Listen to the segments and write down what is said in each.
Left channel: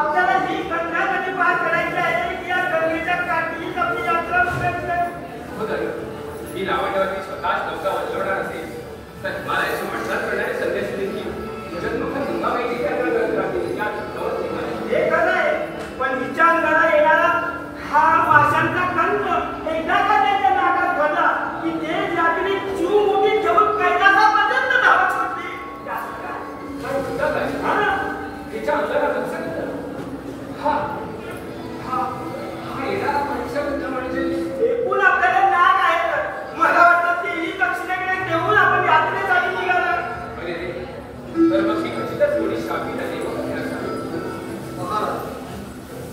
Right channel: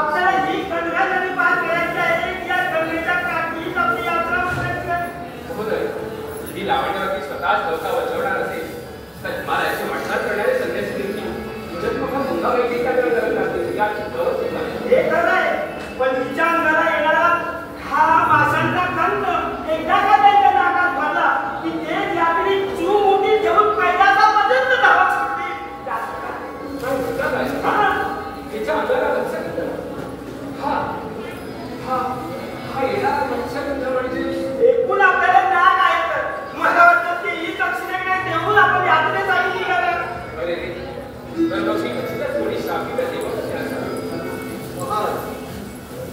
आपल्याला ही गंगा नदी पार करायची आहे की या गंगेच्या काठीच आपली यात्रा उतरायची आहे? महोदय, ही लावण्यावरती स्वतःच नौका वजवणार असेल तर मला याची वाटचाल करणारे संदेश देईल की जगमुख गंगा वैदिक या चित्रावरती हे खरं आहे, पण हिच्या अंगाला येणारा हा माशांचा गंध एकदा का त्याच्या नाकात भरला की ते यात्री चू मोठी घेऊन कैलासापर्यंत धावा शकते. हिच्या अंगाला मत्स्यगंध हा येणारा मत्स्यगंध म्हणजे एकूण आपल्याला नाग आहे तर मला वाटतं तेही दक्षिणेकडे देऊन आपण यात्रेसाठी निघालं. अरे रे, तर मग ही खचितच थोडी शापित देवक असेल. महाराज,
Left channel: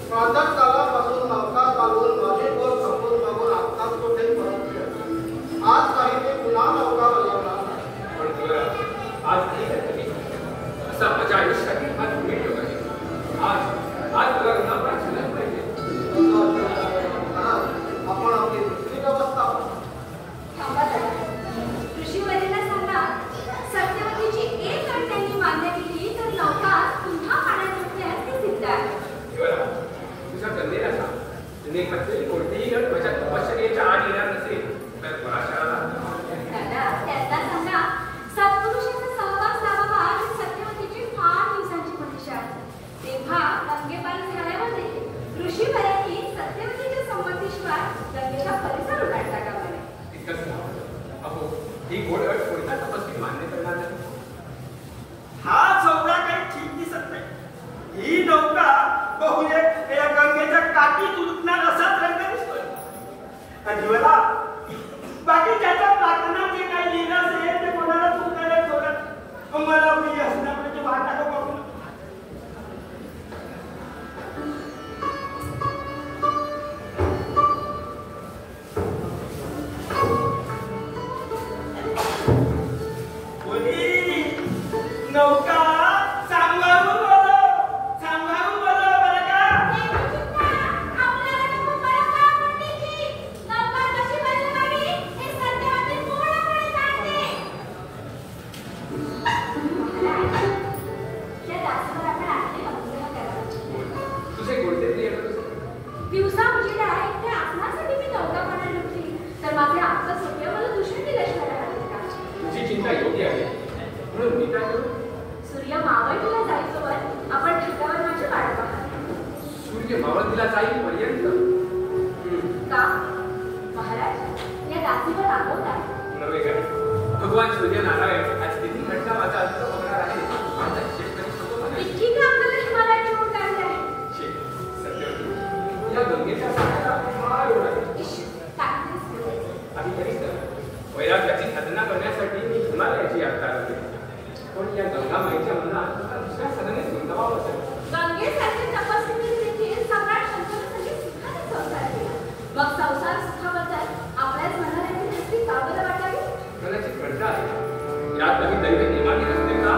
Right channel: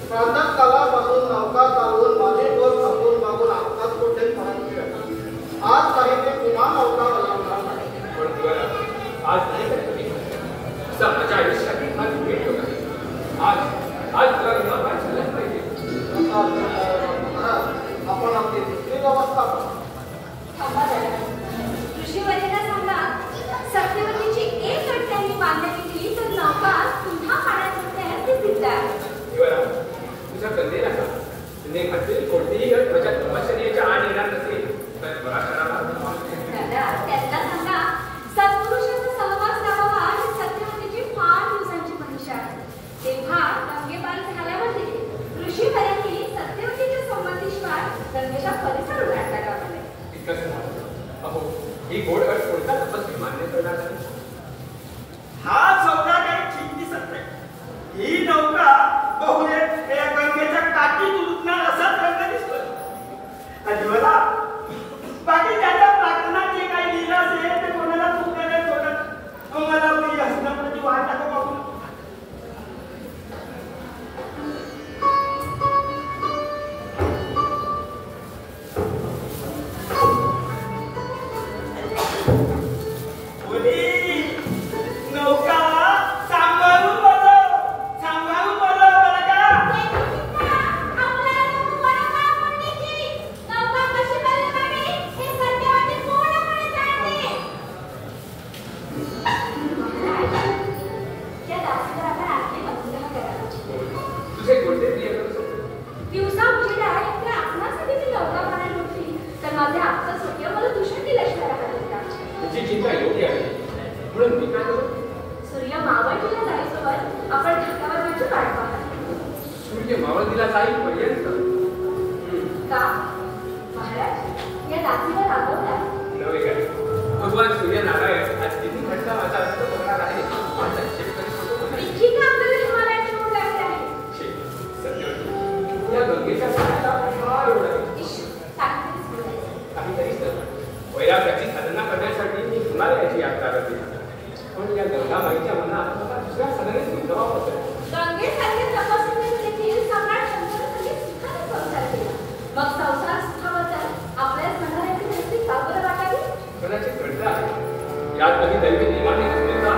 प्रातः काळापासून नौका चालवून माझे बोट थांबून मागून आत्ताच कुठे परतले. आज काही ते पुन्हा नौका वळवणार नाही. पण तुला आज कमी असा माझ्या आयुष्यात हा भेट योग आहे. आज तुला न पाहिजे पाहिजे. महाराज, आपण आपली दुसरी व्यवस्था थांबा जरा. ऋषीवर्यांना सांगा, सत्यवतीची एक अट त्यांनी मान्य केली तर नौका पुन्हा पाण्यात सुटण्यास ती सिद्ध आहे. तुझ्या कन्येला का तिने घातलेली कोणतीही अट माझ्या तपश्चर्येच्या आड येणार नसेल तर पराशराला दादा, त्यांना सांगा, सत्पुरुषाचा सहवास लावावा ही सत्यवतीची फार दिवसांची परीक्षा आहे. तेव्हा गंगेपार झाल्यामध्ये ऋषीवर्यांनी सत्यवतीच्या संमतीशिवाय गंगेचा परिसर उलाटला का म्हणे. इतकंच अहो, ही गोड अट कोणता तपस्वी मान्य करणार नाही. हा सौदा काही ठीक दिसत नाही. ही नौका बहुतेक या गंगेच्या काठी उलटणार असाच रंग दिसतोय. आणि मला बाकी त्याच्या प्रार्थनात जे काही लिहिलं असेल ते कोणाला चुकायला सोडत मला आपली हसनापणाची वाट टाका बघून. नौका सांभाळून बोलव, सांभाळून बोलव बरं का. तुझे कोणते प्रिय दिवसा उशिरा एकट्या आपणासाठी ती नौका पाण्यात उठली तर माझे आत्ता सोप्या मला दुष्ट दिल्याशिवाय राहिलेत का? तुझी चिंता योग्य आहे म्हणून मी काय करू. सूर्य मावळतीला जाईसोबत आपण ढगावरची वाट पाहतो. सूर्य मावळतीला जाईपर्यंत का महाराज, या दासीवर रागवतात? नवे काय भगवान सूर्यनारायण आज किती घटना माझा अंत होणार आहे माझा हिशेब कधी होतो नाही. इतकी का आपल्याला हिमालयात ठेवून जायचे आहे? सत्य या गंगेच्या पाण्याला फार ओढ आहे. आम्ही तरीच वैराग्याची साधना करण्यासाठी मी हिमालयाची यात्रा करते. पण या गंगामाईच्या मनात मला दुसऱ्या सदनेत गुंतवावं असेल. गंगेसारखे तपस्वी देखील सम्राट शंकरासाठी सुखाने संसार केला. मग संसार सुखाबद्दल आपल्याच मनाला एवढी हसती का बरं वाटावी? कदाचित घडतं आहे यात काही दैवी नियमाने नसते का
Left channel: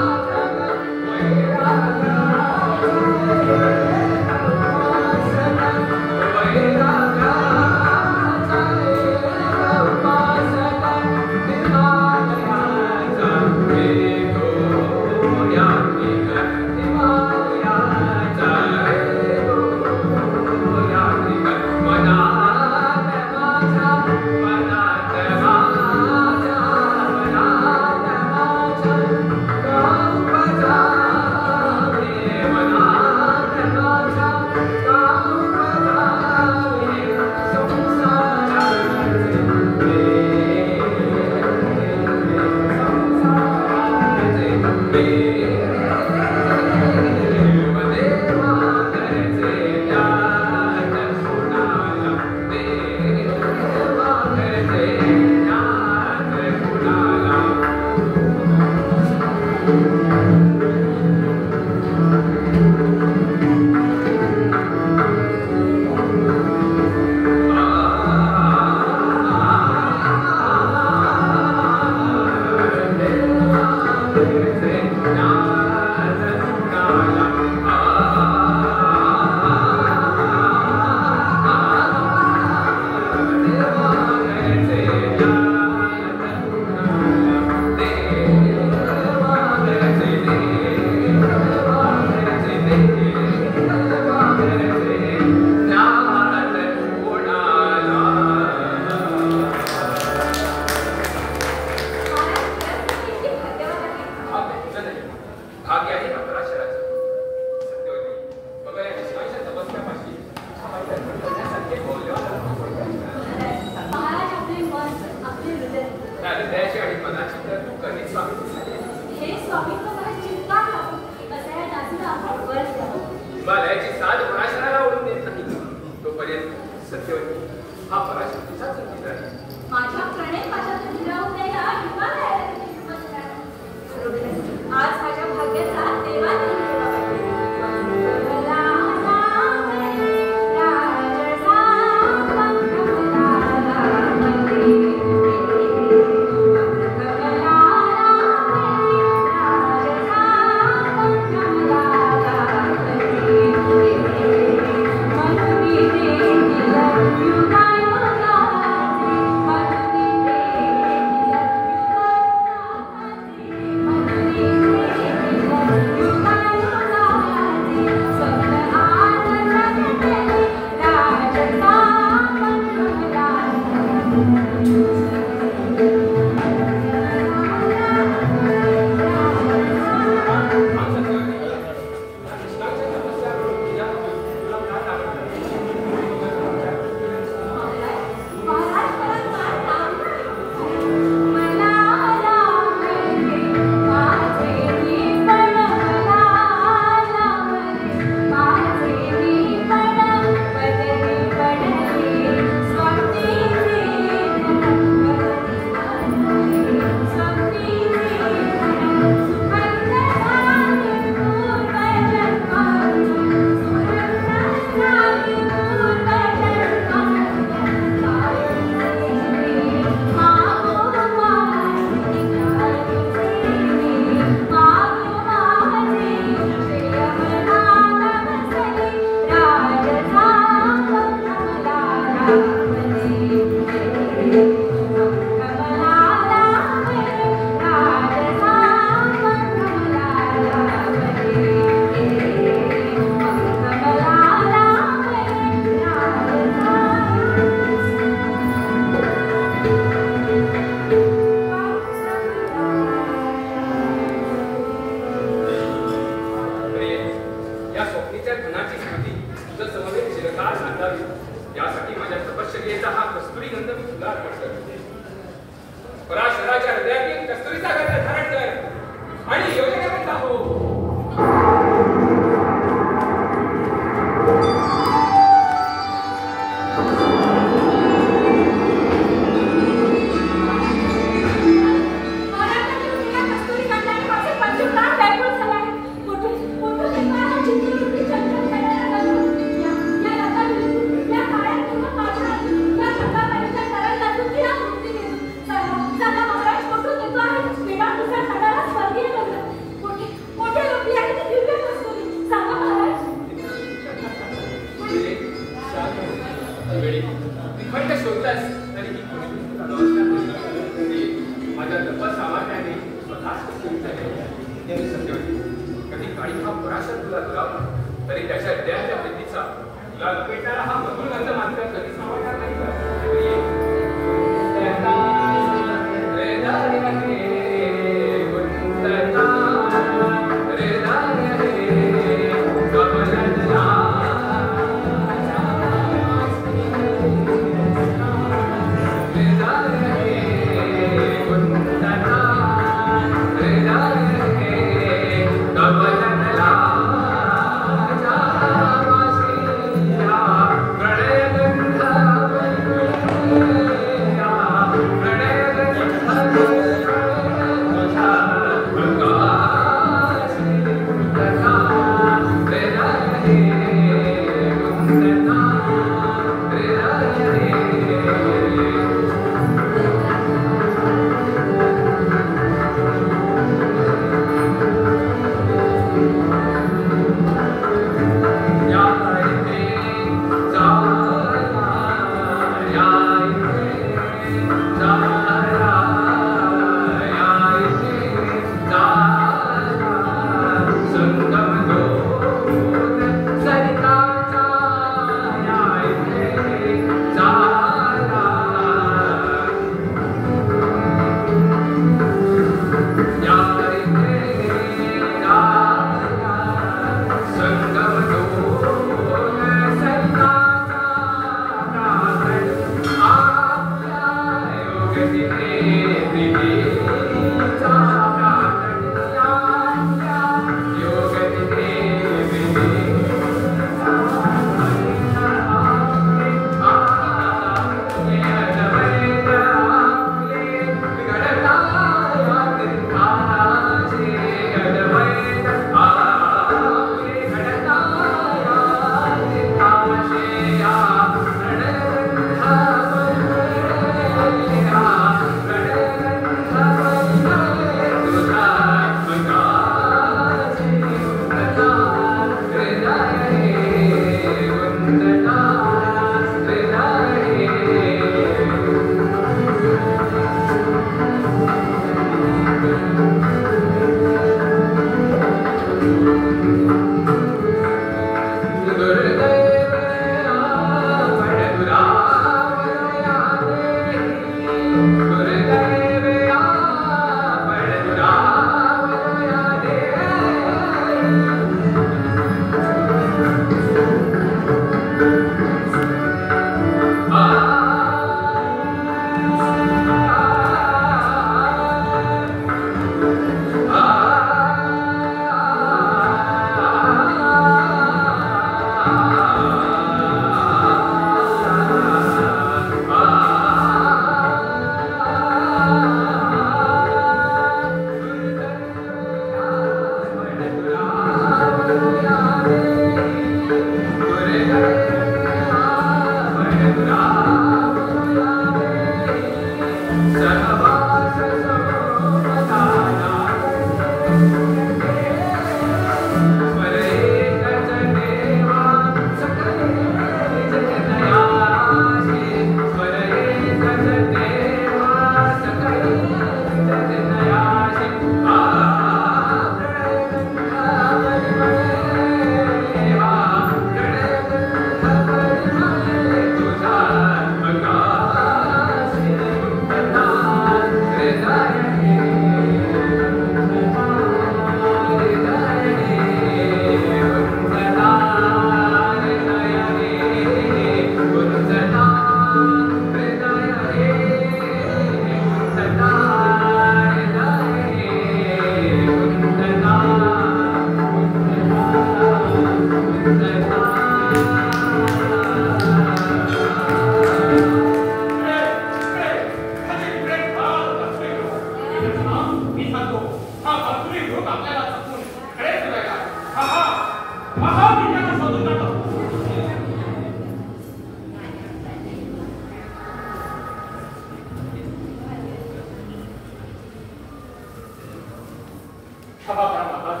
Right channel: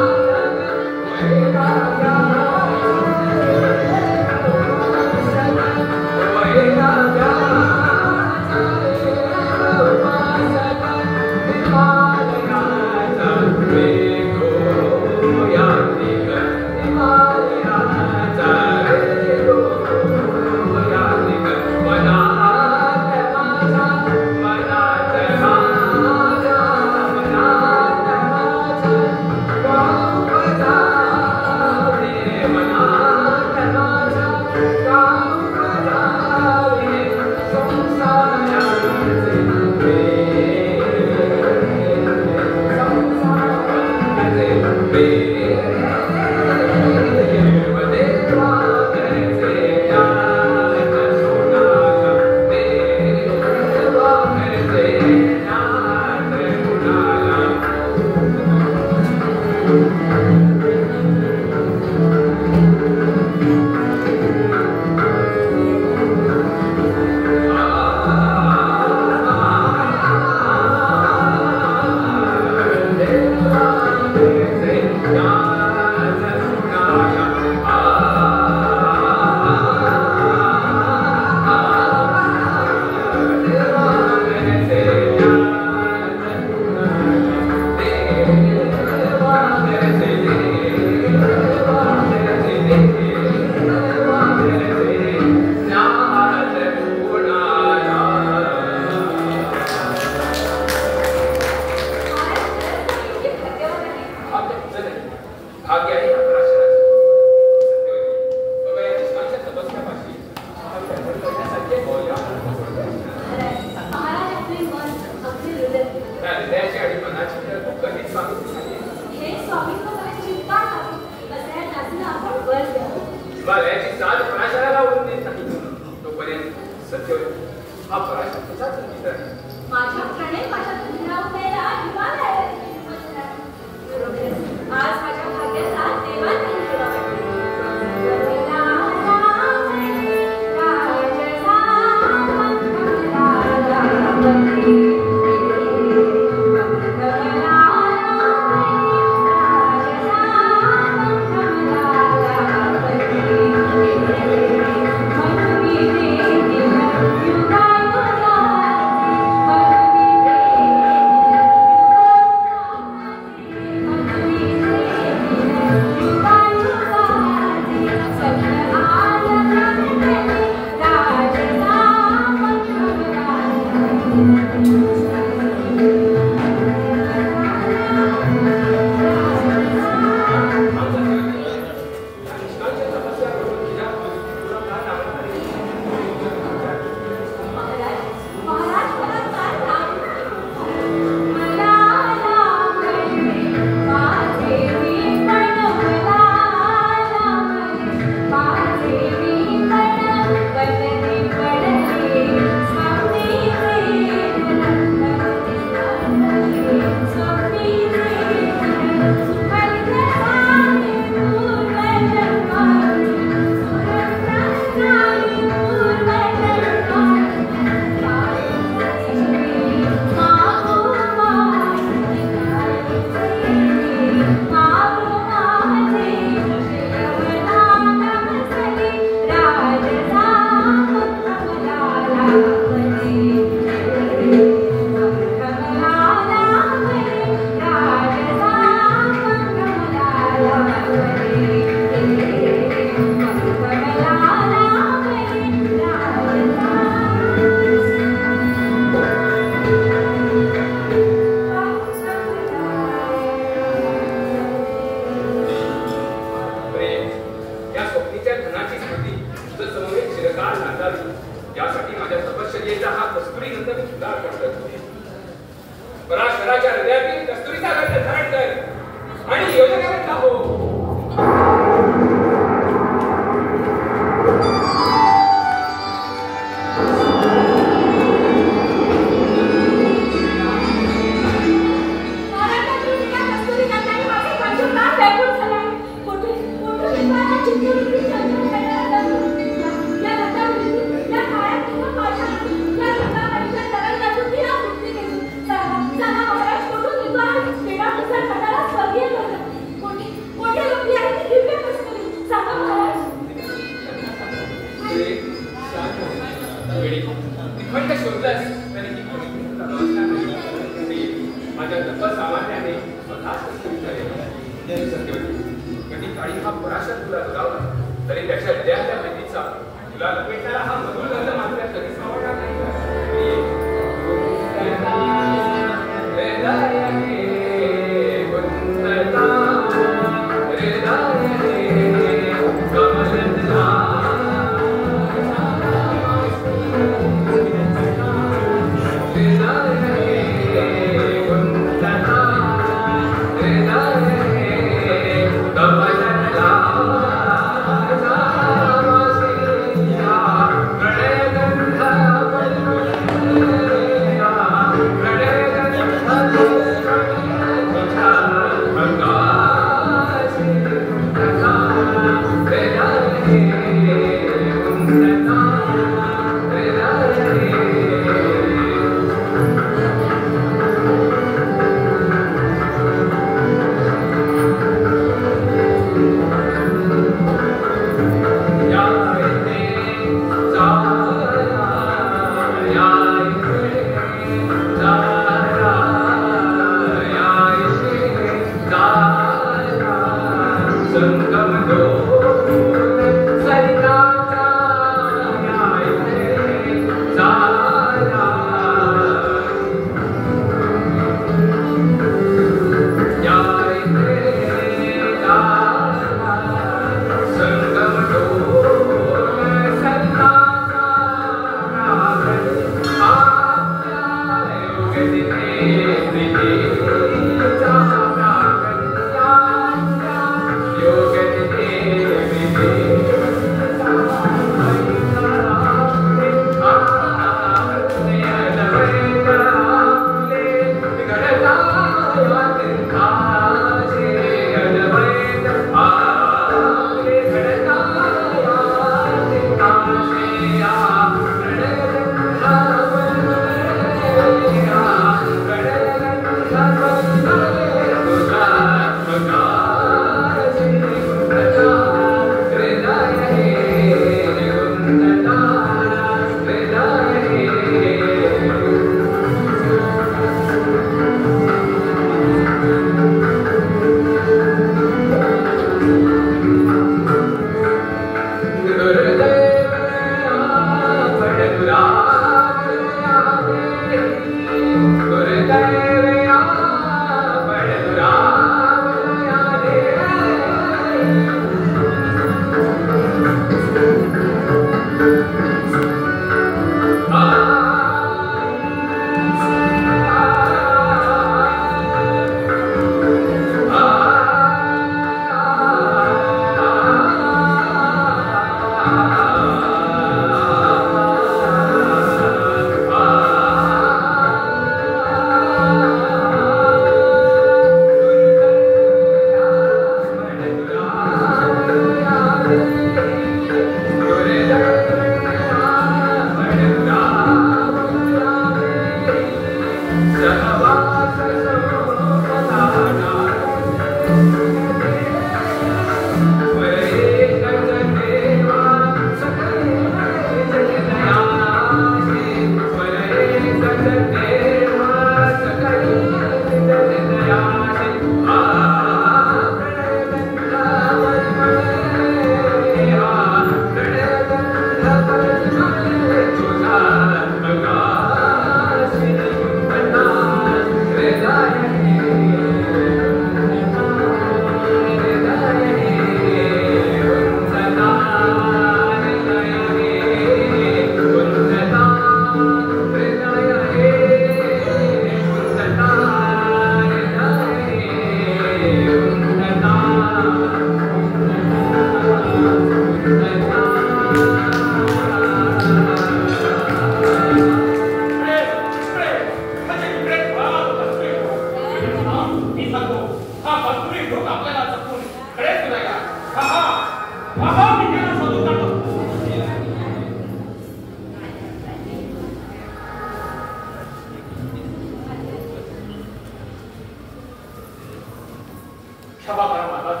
क्षमा करा महाराज,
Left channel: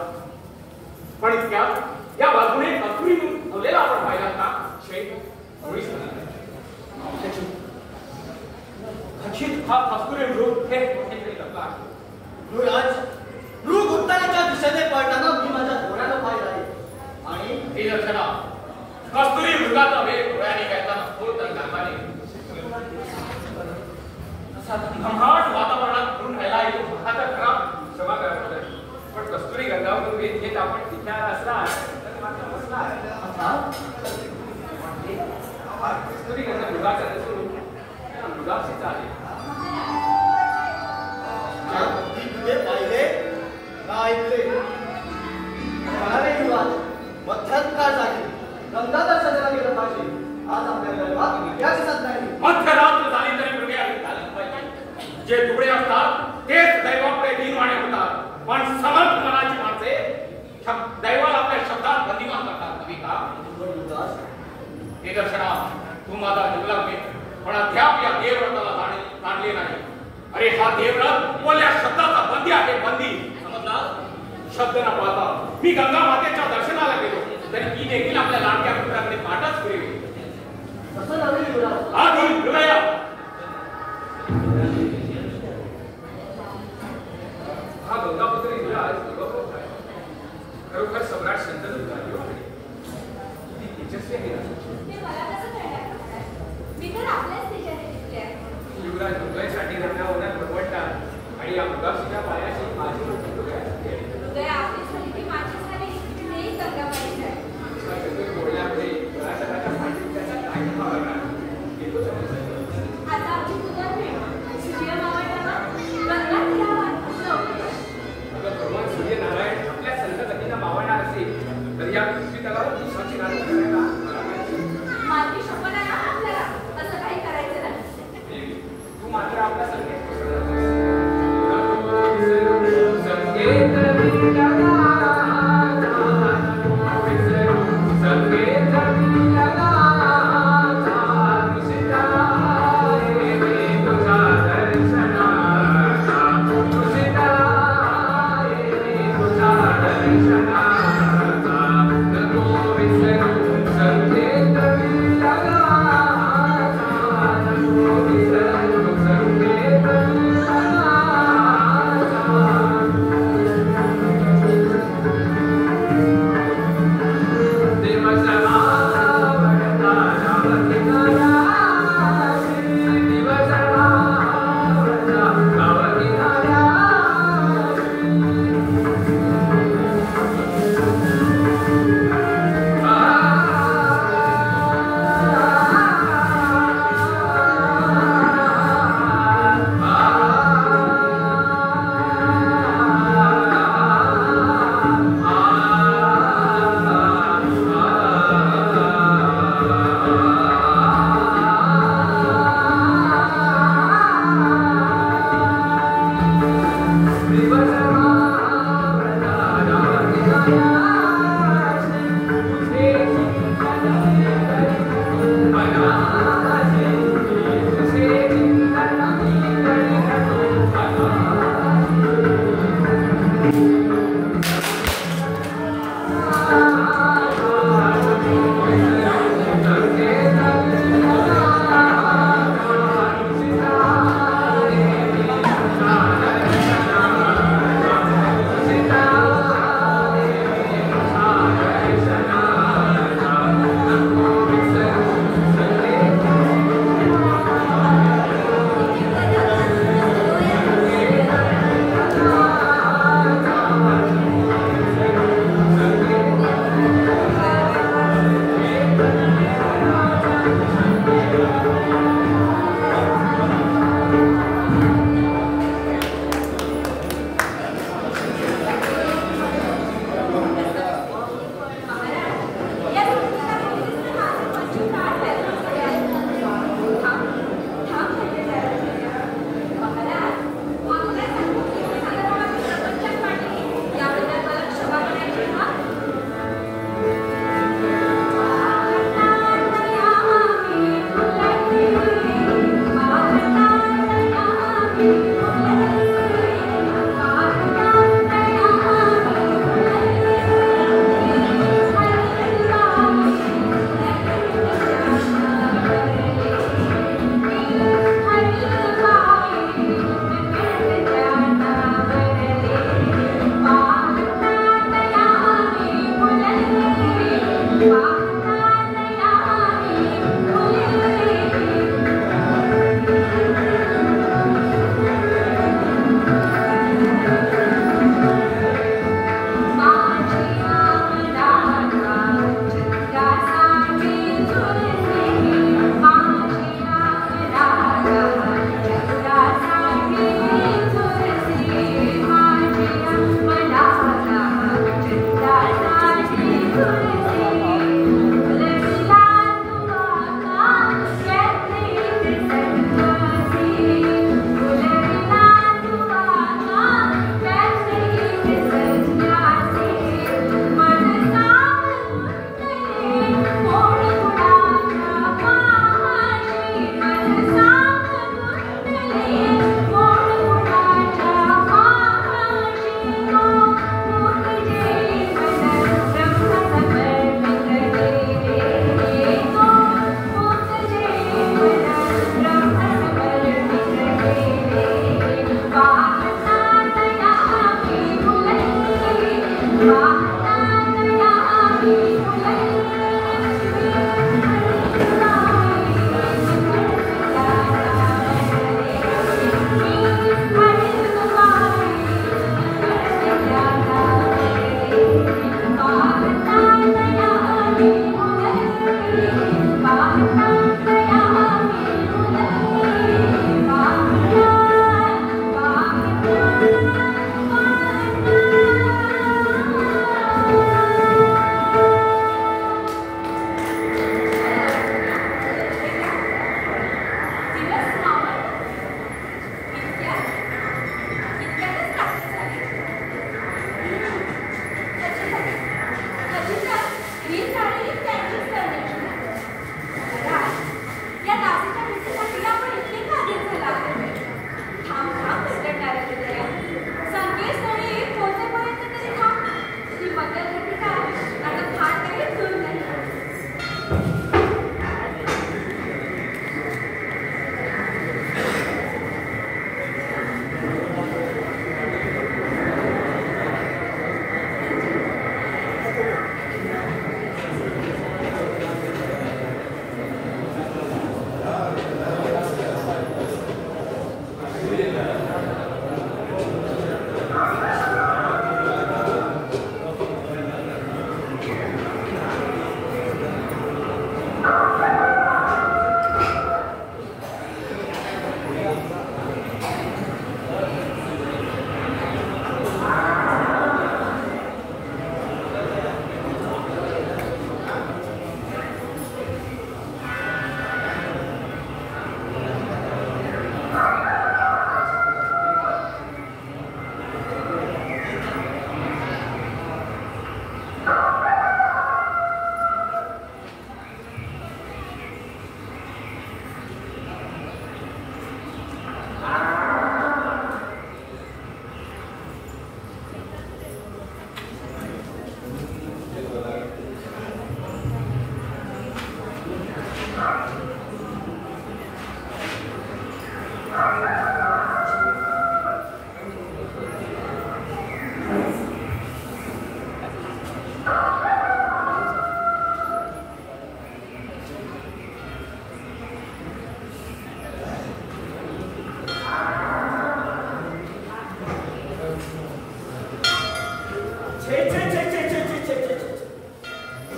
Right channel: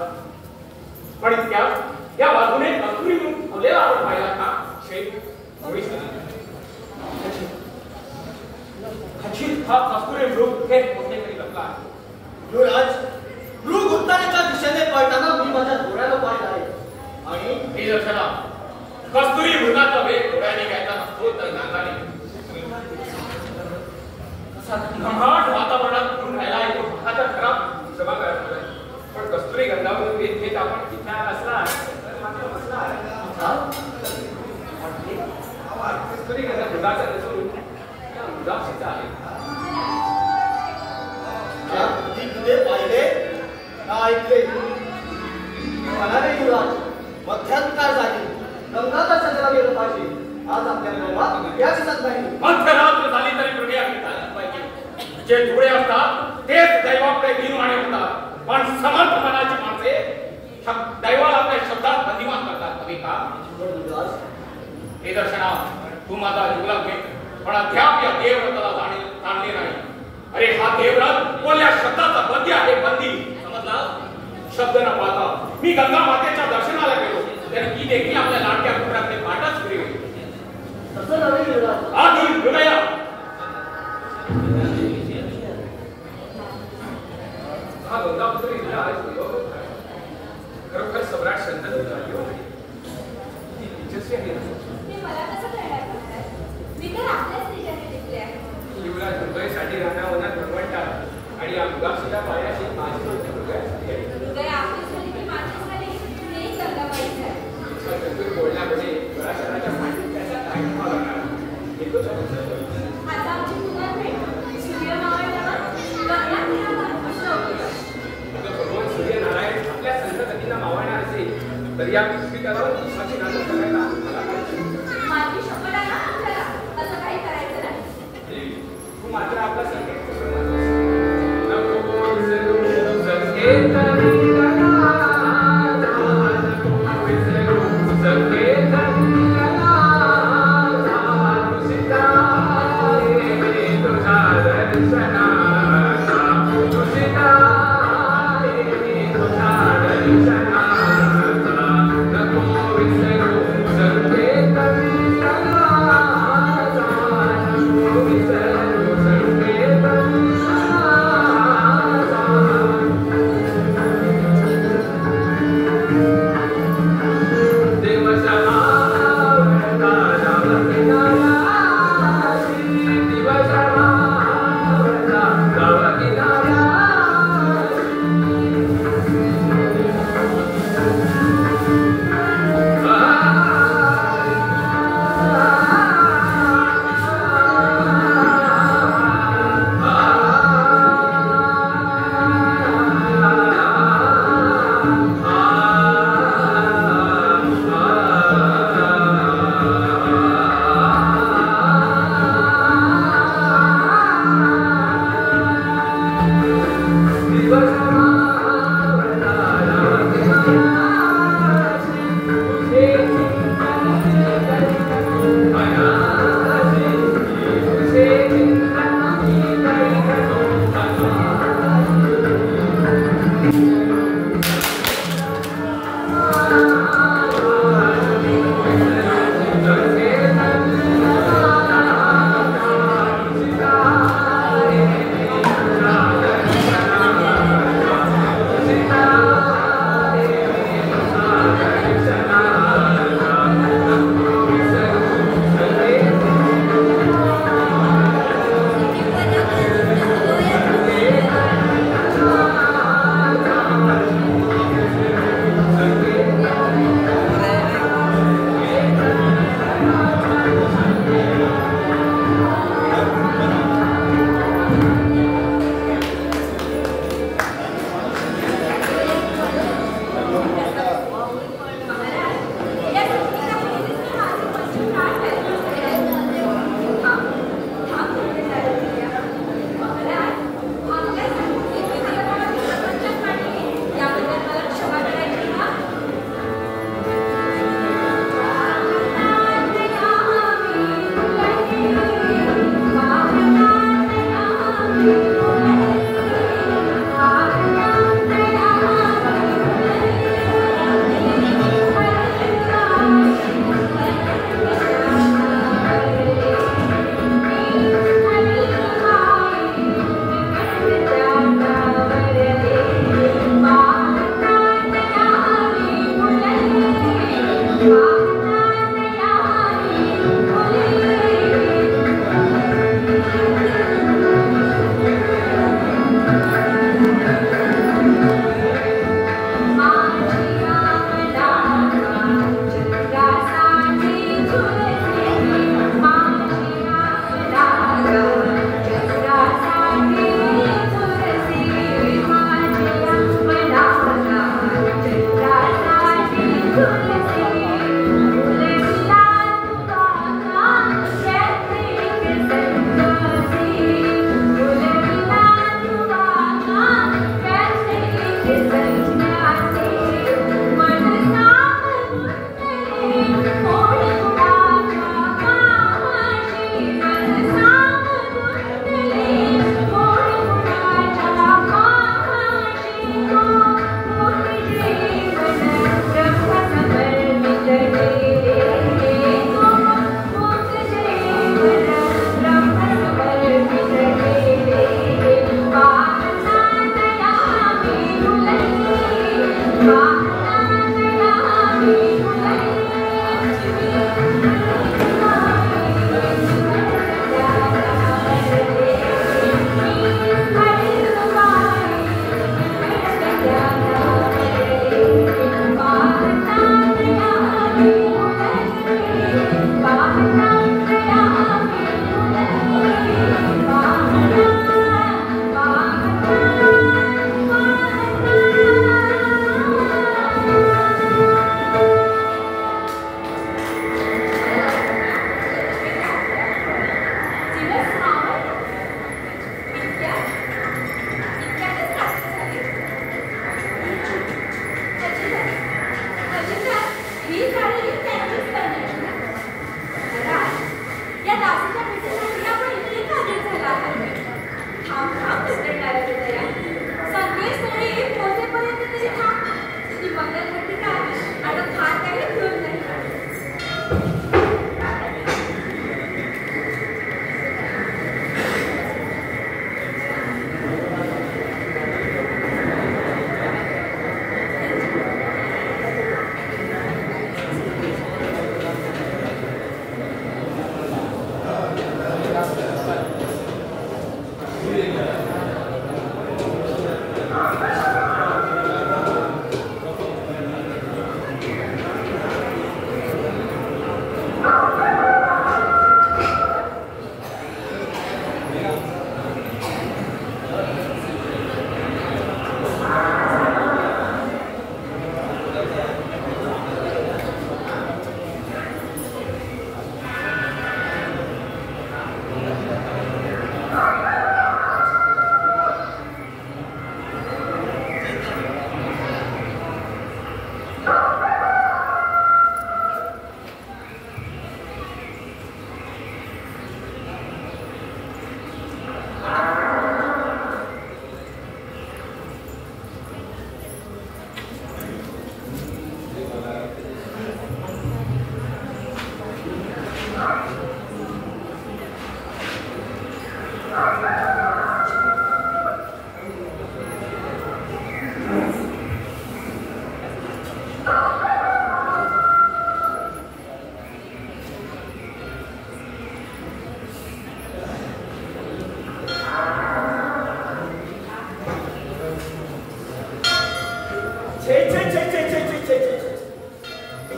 पण त्या बाजूने असून बोलेला आपण पाहिला का खचित हा कस्तुरी मृग हे कुठेतरी लपला आहे. युवराज, मृग उत्तरेच्या दिशेने पळताना मी माझ्या डोळ्याला पाहिलं आहे. आणि हे दर्शना कस्तुरी मृगाचा वेग डोळ्याने घ्यायचा नसतो तर नाकाने. असा घमाट वातावरणात फिरून राहिला आहे तो पखाचा खराब. क्षमा करा महाराज, पण कस्तुरी गंगावर वेध घेत आपण विचार असला तर मात्र बसला. कस्तुरी गंगा मृगाचा नसून त्या मृगाशीचा आहे. ते पाहिले ना ऐकले म्हणाले युवराज, मध्यंतर जागी गंगाधर सजरा गेलं पाहिजे. आज आपल्या गर्भात इतिहास दिसत नाही. मध्यरात्र झाली तरी मृगे आम्ही चालत पाहिजे. जे धुळे असतात तेच दैवापुढे दीनवाणे होतात. पण समर्थ मनाची माणसे दैवाला आपल्या शब्दात बंदिवान करतात. कवी का हे दर्शना तू माझा जीवला घे, पण अद्याप या देवव्रताला जाणले नाही. अरे हा देवव्रत बोलल्या शब्दाचा बंदी आहे. बंदी समजला. शब्द न पाहता मी गंगा मातेच्या दर्शनाला गेलो तरी ती देखील आपल्या लाडक्या पुत्राकडे पाठच फिरवी. तसं नव्हे युवराज. आधी मृगया हा गंगापुत्र युवराज खरोखर सम्राट शंतनू झाली होती. ती तेजस्वी आहे. ते मला कसं कळणार महाराज? मी तर आपल्याच ठिकाणी दिसले आहे. युवराज मृगयासाठी रानावनात बनवतात आणि या मृगाशीच्या पायाशी माझी मृगयासाठी आहे. हृदय आपली झाली की माझी झाली हे गंगाबाई आहे. तुझ्या बोलण्यामध्ये पराशराच्या पांडित्याचा काय ठेवा करणार येतो समजतो. आता आमची तुम्हाला भेट सूर्य मावळल्यावर गंगा तीरावर उसळवली. अगं भगवान सूर्यनारायण आपल्या संतगतींना मावळणार असेल तर या पृथ्वी तलावर दिवसाची रात्र करायला मला पाहिजे. माझी शपथ आहे ना आपल्याला असं काही करायचं नाही. तू मात्र आपला संकेत Thank you.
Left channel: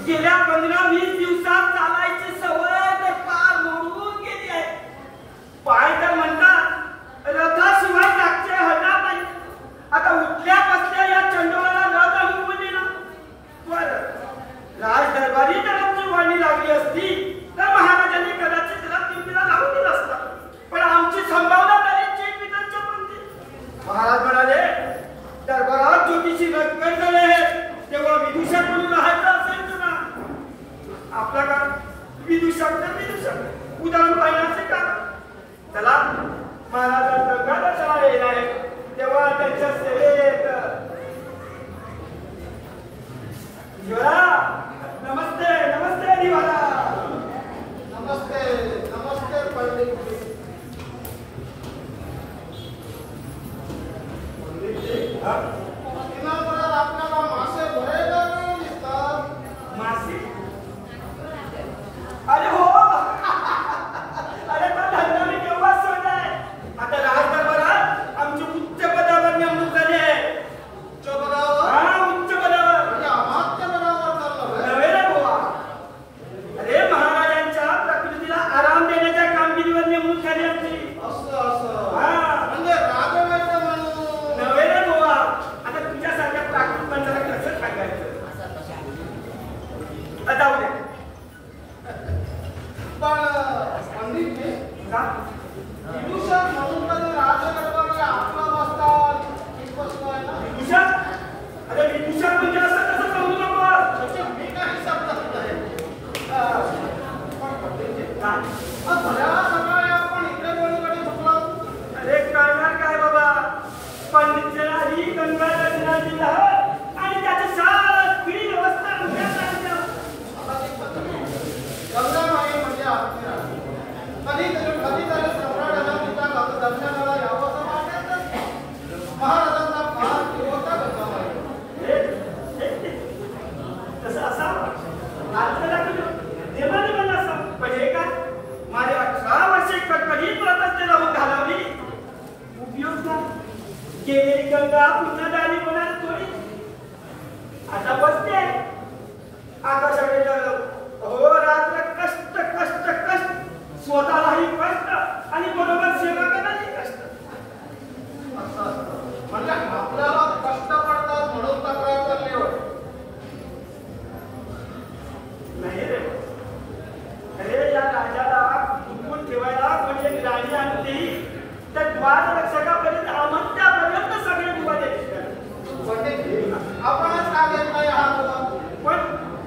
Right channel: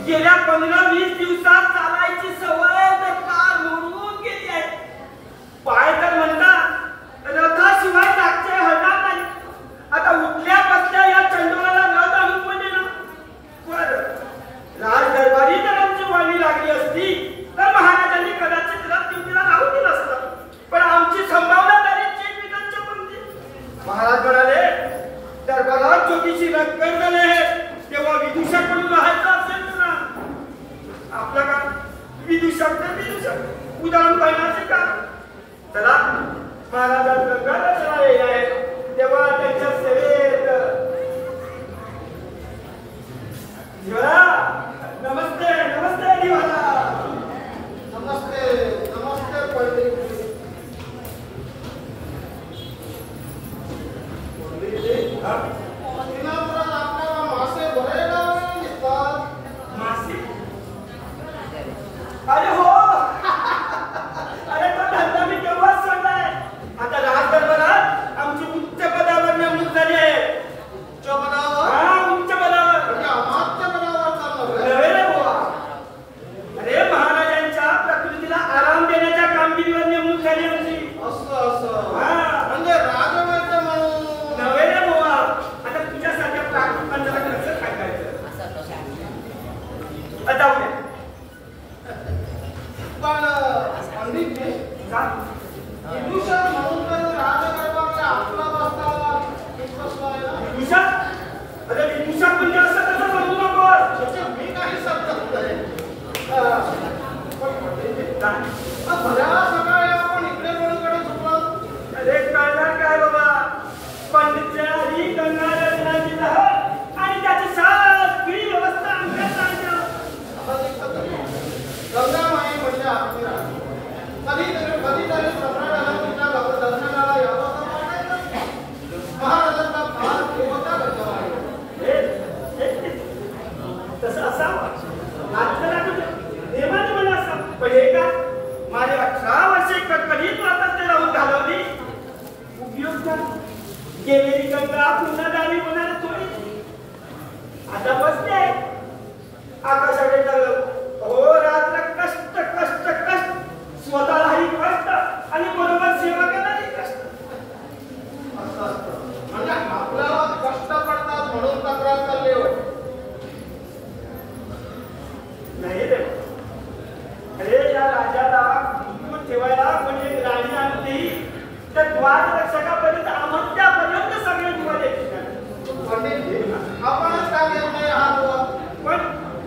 गेल्या 15-20 दिवसात चालायची सवय तर पार मोडून गेली आहे. पाय तर म्हणतात रथाशिवाय लागते हलणार नाही. आता उठल्या बसल्या या चंडोळाला रथ आणून म्हणजे ना बरं राज दरबारी जर आमची वाणी लागली असती तर महाराजांनी कदाचित रथ ड्युटीला लावून दिला असता. पण आमची संभावना तरी विधानच्या पंक्ती. महाराज म्हणाले दरबारात ज्योतिषी रंगण झाले तेव्हा विदूषाकडून राहायचं असेल ना आपला का विदूषक तर विदूषक उदाहरण पाहिजे का. चला महाराजा गंगाला चला आहे तेव्हा त्यांच्या सेवेत दिवाला नमस्ते नमस्ते दिवाला नमस्ते नमस्ते पंडित जी. आपल्याला मासे भरायला दिसतात. मासे अरे हो अरे तो धंदा मी केव्हाच सोडलाय. आता राज दरबारात आमची उच्च पदावर नेमणूक झाली आहे. उच्च पदावर हा उच्च पदावर म्हणजे अमात्य पदावर चालणार नव्हे रे बुवा. अरे महाराजांच्या प्रकृतीला आराम देण्याच्या कामगिरीवर नेमणूक झाली आमची. असं असं हा म्हणजे राजवैद्य म्हणून नव्हे रे बुवा. आता तुझ्यासारख्या प्राकृत माणसाला कसं सांगायचं. जाऊ द्या पण पंडित जी का? विदूषक म्हणून कधी राजदरबारी आपलं बसतात इतकं आहे ना. विदूषक अरे विदूषक म्हणजे असं कसं समजू नको. म्हणजे मी काही समजत नाही. पण पंडित जी का? भल्या सकाळी आपण इकडे कोणीकडे झोपलो. अरे कळणार काय बाबा. पंडितच्या आधी गंगा नदीची लहर आणि त्याची सगळी व्यवस्था आमच्यात आणल्या. गंगामाई म्हणजे आपली राणी. कधीतरी सम्राटाला तिच्या दर्शनाला यावं तर वाटायचं. महाराजांचा फार जीव होता गंगामाई. हे आता बसते आकाशाकडे हो रात्र कष्ट कष्ट कष्ट स्वतःलाही कष्ट आणि बरोबर सेवकांनाही कष्ट असं असतं म्हणजे आपल्याला कष्ट पडतात म्हणून तक्रार चालली वाटते. नाही रे अरे या राजाला गुंतवून ठेवायला कोणी एक राणी आणली त्या द्वार रक्षकापर्यंत आमंत्यापर्यंत सगळे दुवा द्यायचे. आपणच का देत नाही हा दुवा? पण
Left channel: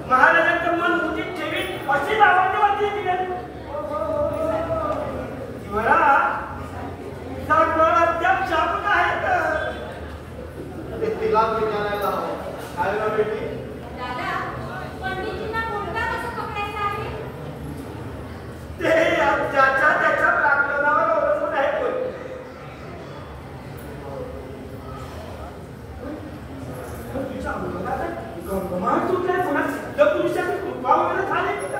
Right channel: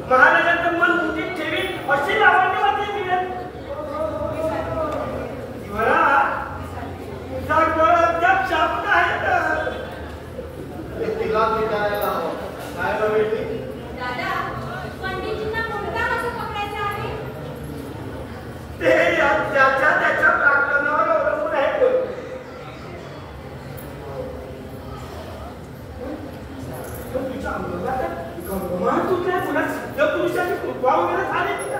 महाराजांचं मन मुठीत ठेवीन अशी लावणी होती मिळेल. मला तुझा गळ अद्याप शापून आहे तर ते तिलाच विचारायला हवं. काय ना बेटी? दादा पंडितजींना मुलगा कसं पकडायचा आहे? ते त्याच्या प्राक्तनावर अवलंबून आहे. पण तुझ्या अंगाला गंगमान सुटल्या पुन्हा सिद्ध पुरुषाची कृपा वगैरे झाली की का?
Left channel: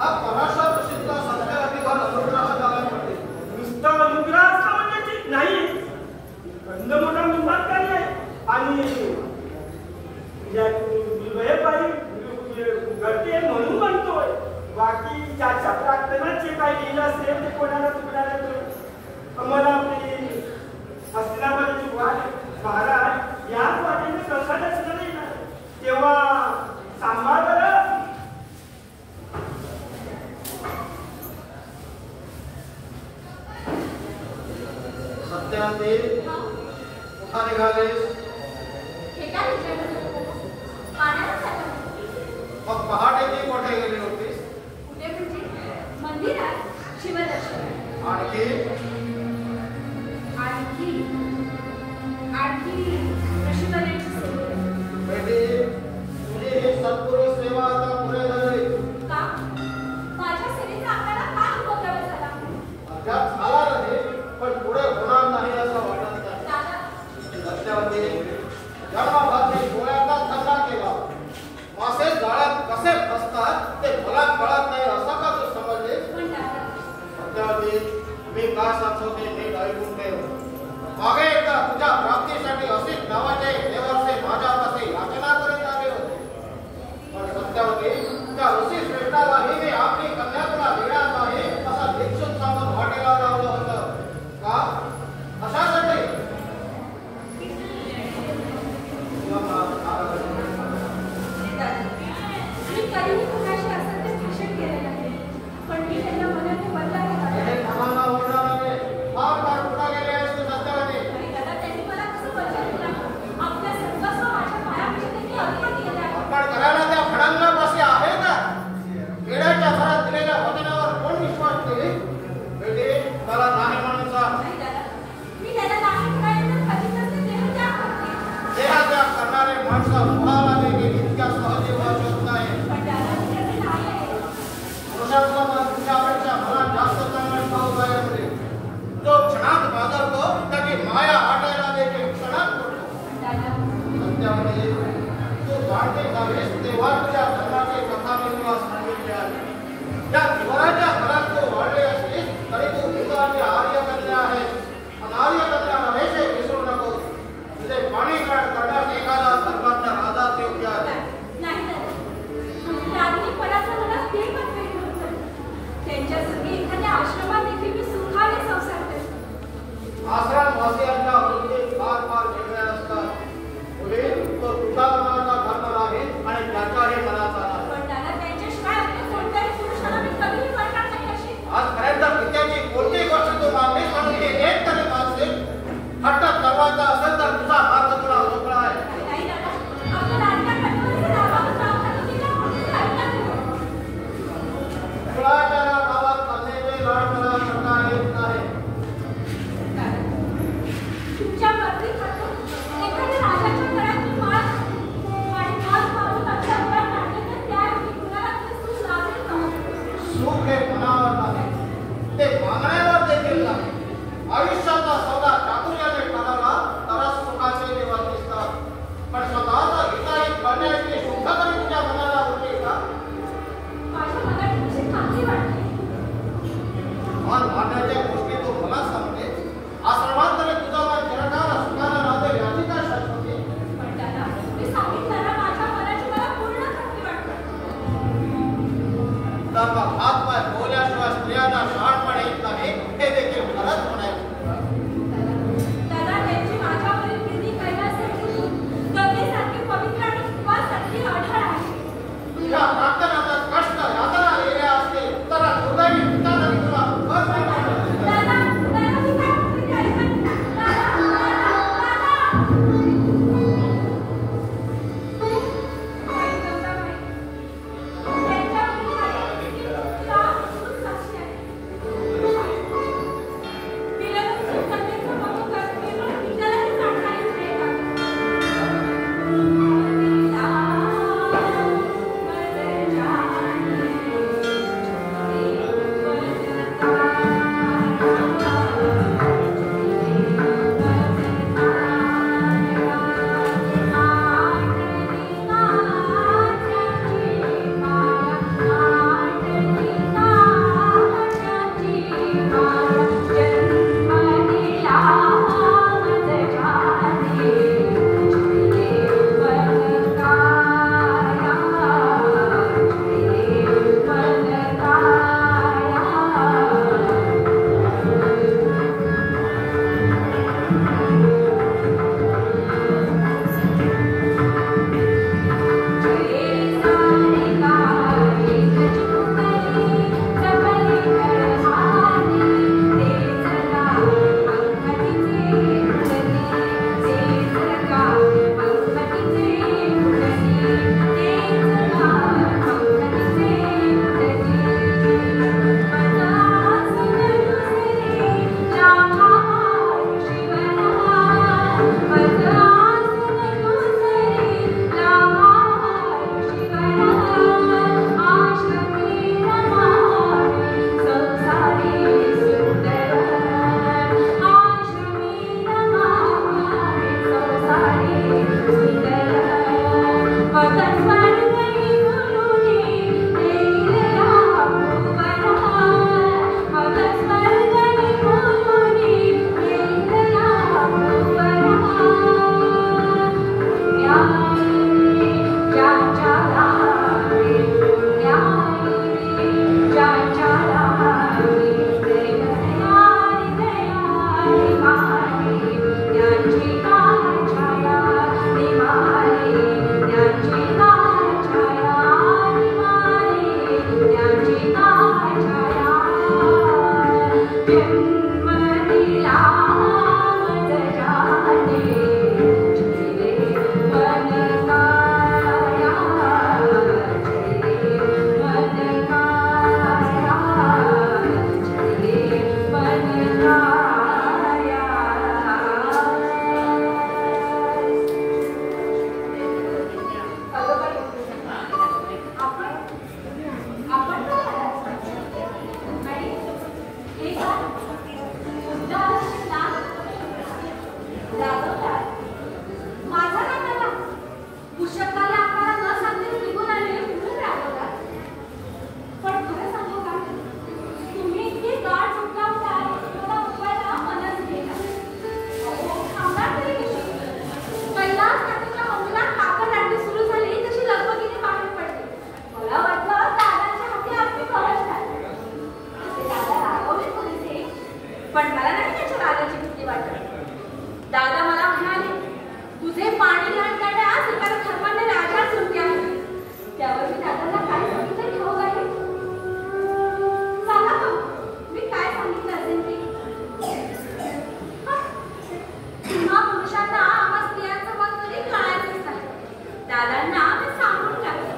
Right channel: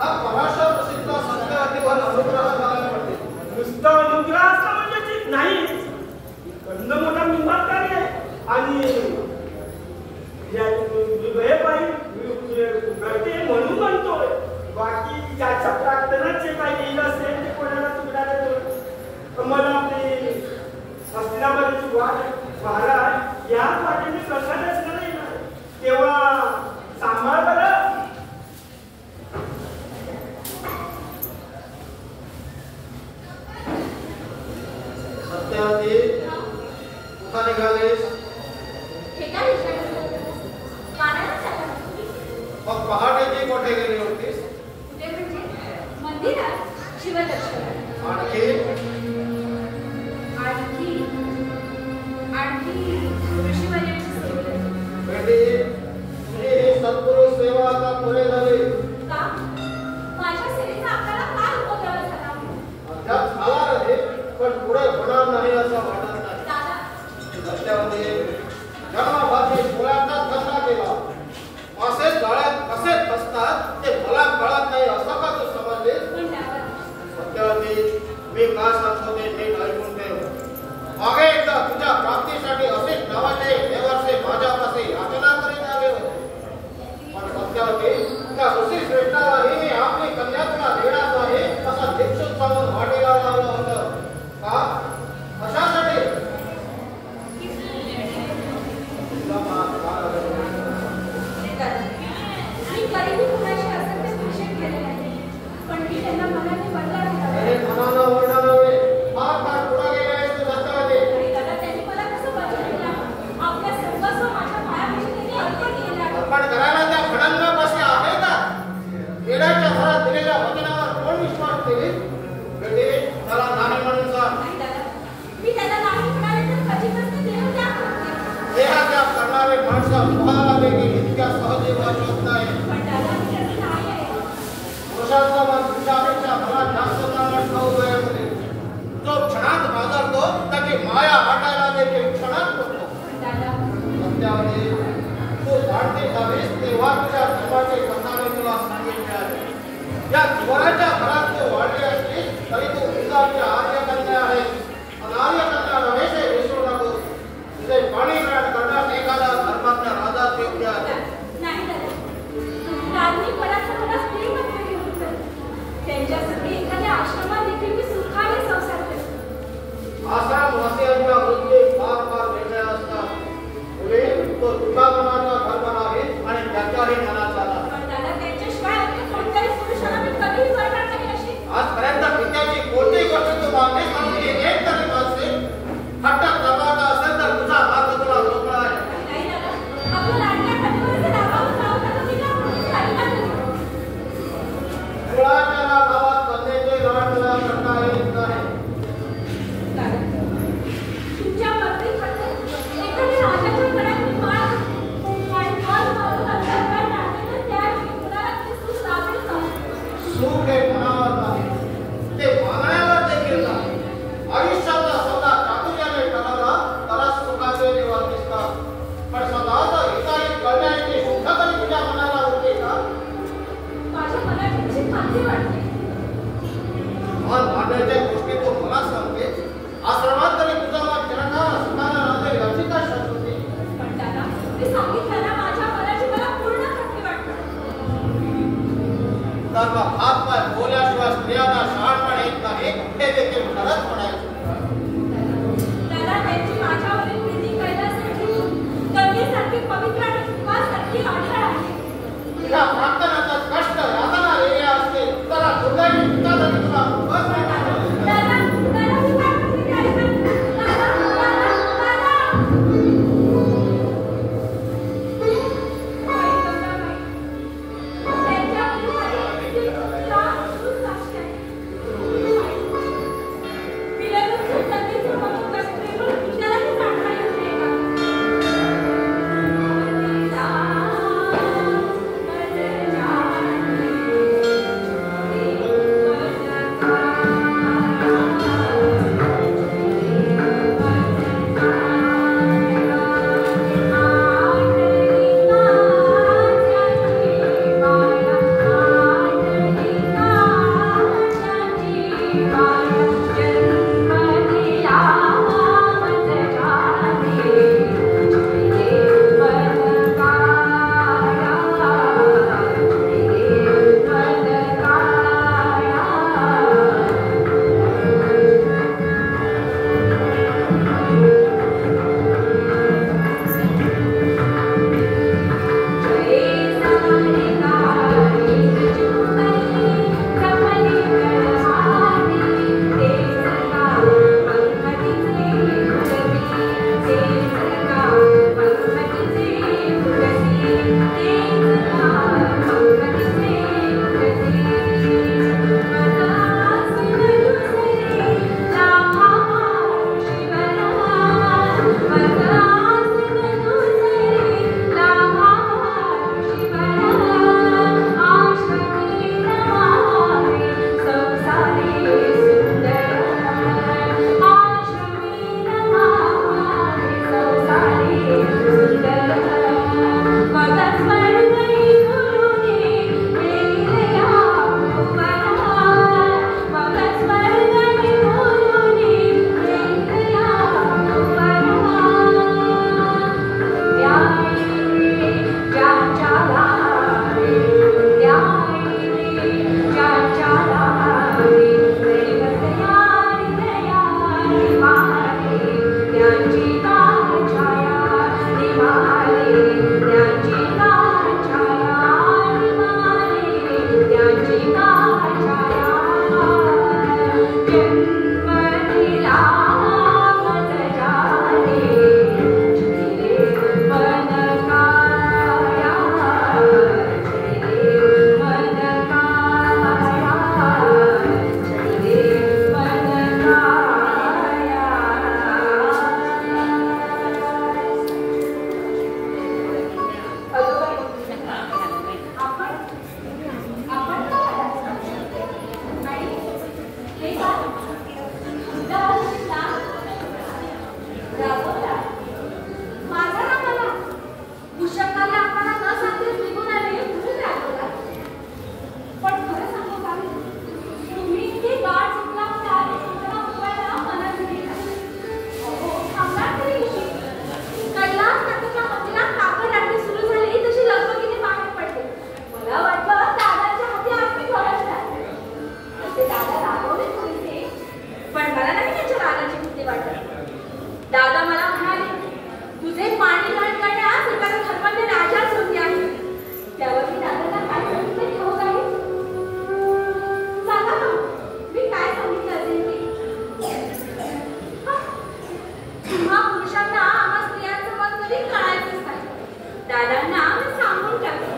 हा पराशर प्रसिद्ध सत्यवतीवर अनुग्रह झाला म्हणते. नुसतं अनुग्रह असं म्हणजे नाही गंध मोठा निंबाकारी आहे आणि हे बाई घडते म्हणून म्हणतोय. बाकी ज्याच्या प्रार्थनाचे काही लिहिलं असेल ते कोणाला तुकडायला देतो. मला आपली हस्तिनापुराची वाट महाराज याच वाटेने गंगा दर्शनाला येणार तेव्हा सांभाळ बरं. सत्यवती कुठं निघालीस? हे काय विचारलं? पाण्याला चालला. मग पहाटेची कोठे गेली होतीस? कुठे म्हणजे? मंदिरात शिवदर्शनाला. आणखी ऋषीवर्यांची सेवा. बेटी तुझी ही सत्पुरुष सेवा आता पुरे झाली. का? माझ्या सेवेचा आपल्याला काय उपद्रव झाला? अद्याप झाला नाही पण पुढे होणार नाही असं वाटत नाही. दादा सत्यवती जन्मभाती डोळ्यांना धंदा केला. मासे जाळ्यात कसे फसतात ते मला कळत नाही असं का तू समजले? पण दादा सत्यवती मी का सांगतो ते नीट ऐकून ठेव. मागे एकदा तुझ्या प्राप्तीसाठी असेच नावाचे देवाचे माझ्यापाशी याचना करीत आले होते. पण सत्यवती त्या ऋषी श्रेष्ठालाही मी आपली कन्या तुला देणार नाही असा भिक्षुक सांगून वाटेला लावलं होतं. का? कशासाठी? मी कधीही कुणाशी असं ते भाषण केले नाही. पण मी त्यांना मनाने वरला त्यांनी मला कसं वचन दिलं? आपल्या सर्वस्व माझ्या पायापाशी त्यांनी अर्पण केलं आहे. अर्पण करायला त्या भडंगापाशी आहे का? खेड्याच्या घरात दिलेल्या वचनावर कोण विश्वास ठेवी? बेटी मला नाही म्हणून सांग. नाही दादा मी त्याला नाही म्हणाले तर खचितच ते देहत्याग करते. देहत्याग करणारे माणसं पोहायला देखील इतक्या सहजी वाचत नाही. पण दादा मी त्याची नाही आहे. पुरुषांचा मन तुझ्यापेक्षा मला जास्त चांगला ठाऊक आहे मुली. जो क्षणात बाजारतो त्याची माया वाटायला देखील क्षणात पडतो. पण दादा सत्यावती तू जाणते जावीस तेव्हा तुझ्या धर्माची कथा मी तुला सांगितली आहे. या जीवनाच्या घरात तू वाढले असलीस तरी तू हिंदाची आर्यकन्या आहेस. आणि आर्यकन्या नव्हेसे विसरू नकोस. तुझे पाणी करण्यात एखादा धर्माच्या राजाच योग्य आहे. नाही दादा राजनीत पदार्थ मला स्त्री बनलेली होतं. त्यांच्या सगळी एखाद्या आश्रमात देखील मी सुखाने संसार करतो. आश्रमवासियांच्या वृत्ती फार फार वेगळ्या असतात. मुली तो तुझा मनाचा धर्म नाही आणि त्याचाही मनाचा नाही. पण दादा त्यांच्याशिवाय अन्य कोणत्याही पुरुषाला मी कधीही वरणार नाही अशी. आजपर्यंत पित्याची कोणतीही गोष्ट तू मागणीस म्हणून एक तरी मागशील. हट्ट दरवाजा असेल तर तुझा मार्ग तुला मोकळा आहे. नाही दादा आपल्या लाडक्या कधीवरचे दाबावर जाऊ नका तिला म्हणून ऐका तुम्ही. मुळाच्या गावात कन्येचे लाड तुला करता येत नाही. दादा तुमच्या मर्जीत एखाद्या राजाच्या गळ्यात मी माळ आणि मन मारून अंतर्गत टाकले तर त्यावेळी कुणाला ते सुख लाभेल का? सुख हे मनावर नाही ते मागण्यावर देखील नाही. आयुष्याचा सौदा चातुर्याने ठरवला तरच सुखाचे दिवस दिसतात. पण स्वतःचा हिताहित करण्याची शुद्ध कधी तुझ्या मनाला उरते का? माझ्या मनाची कशी खात्री वाटते. मन भांड्याच्या गोष्टी तू मला सांगते. आश्रमात तरी तुझा मन चिरकाळ सुखाला राहते याची काय शाश्वती? पण दादा मी सांगितलं ना माझ्या मनाची सर्व हातपाय बोलल्याशिवाय स्त्रियांना शहाणपण येत नाही हे देखील खरंच म्हणायचं. दादा त्यांची माझ्यावरील प्रीती करण्यासाठी गंगेसारखी पवित्र आणि कृपासारखी आढळ आहे. तुझ्या प्रार्थनाचा कष्ट यातना आलेल्या असते तर दुर्दैवी पिता जरी तुला दादा मी काय म्हणते ते ऐका. पण मला नाही त्याच्या रागाची भीती वाटत. दादा मला म्हणाले, तुझे पाणी ग्रहण करण्यास एखादा धर्मांनी राजा सोडले आहे. त्यावर मी दादाला काय सांगितले ठाऊक आहे? सांगा ना, मी काय सांगितले असेल ते? तुम्हा पुरुषांना आम्हा स्त्रियांचं मत कधी कळायचंच नाही. दादांना मी सांगून टाकले,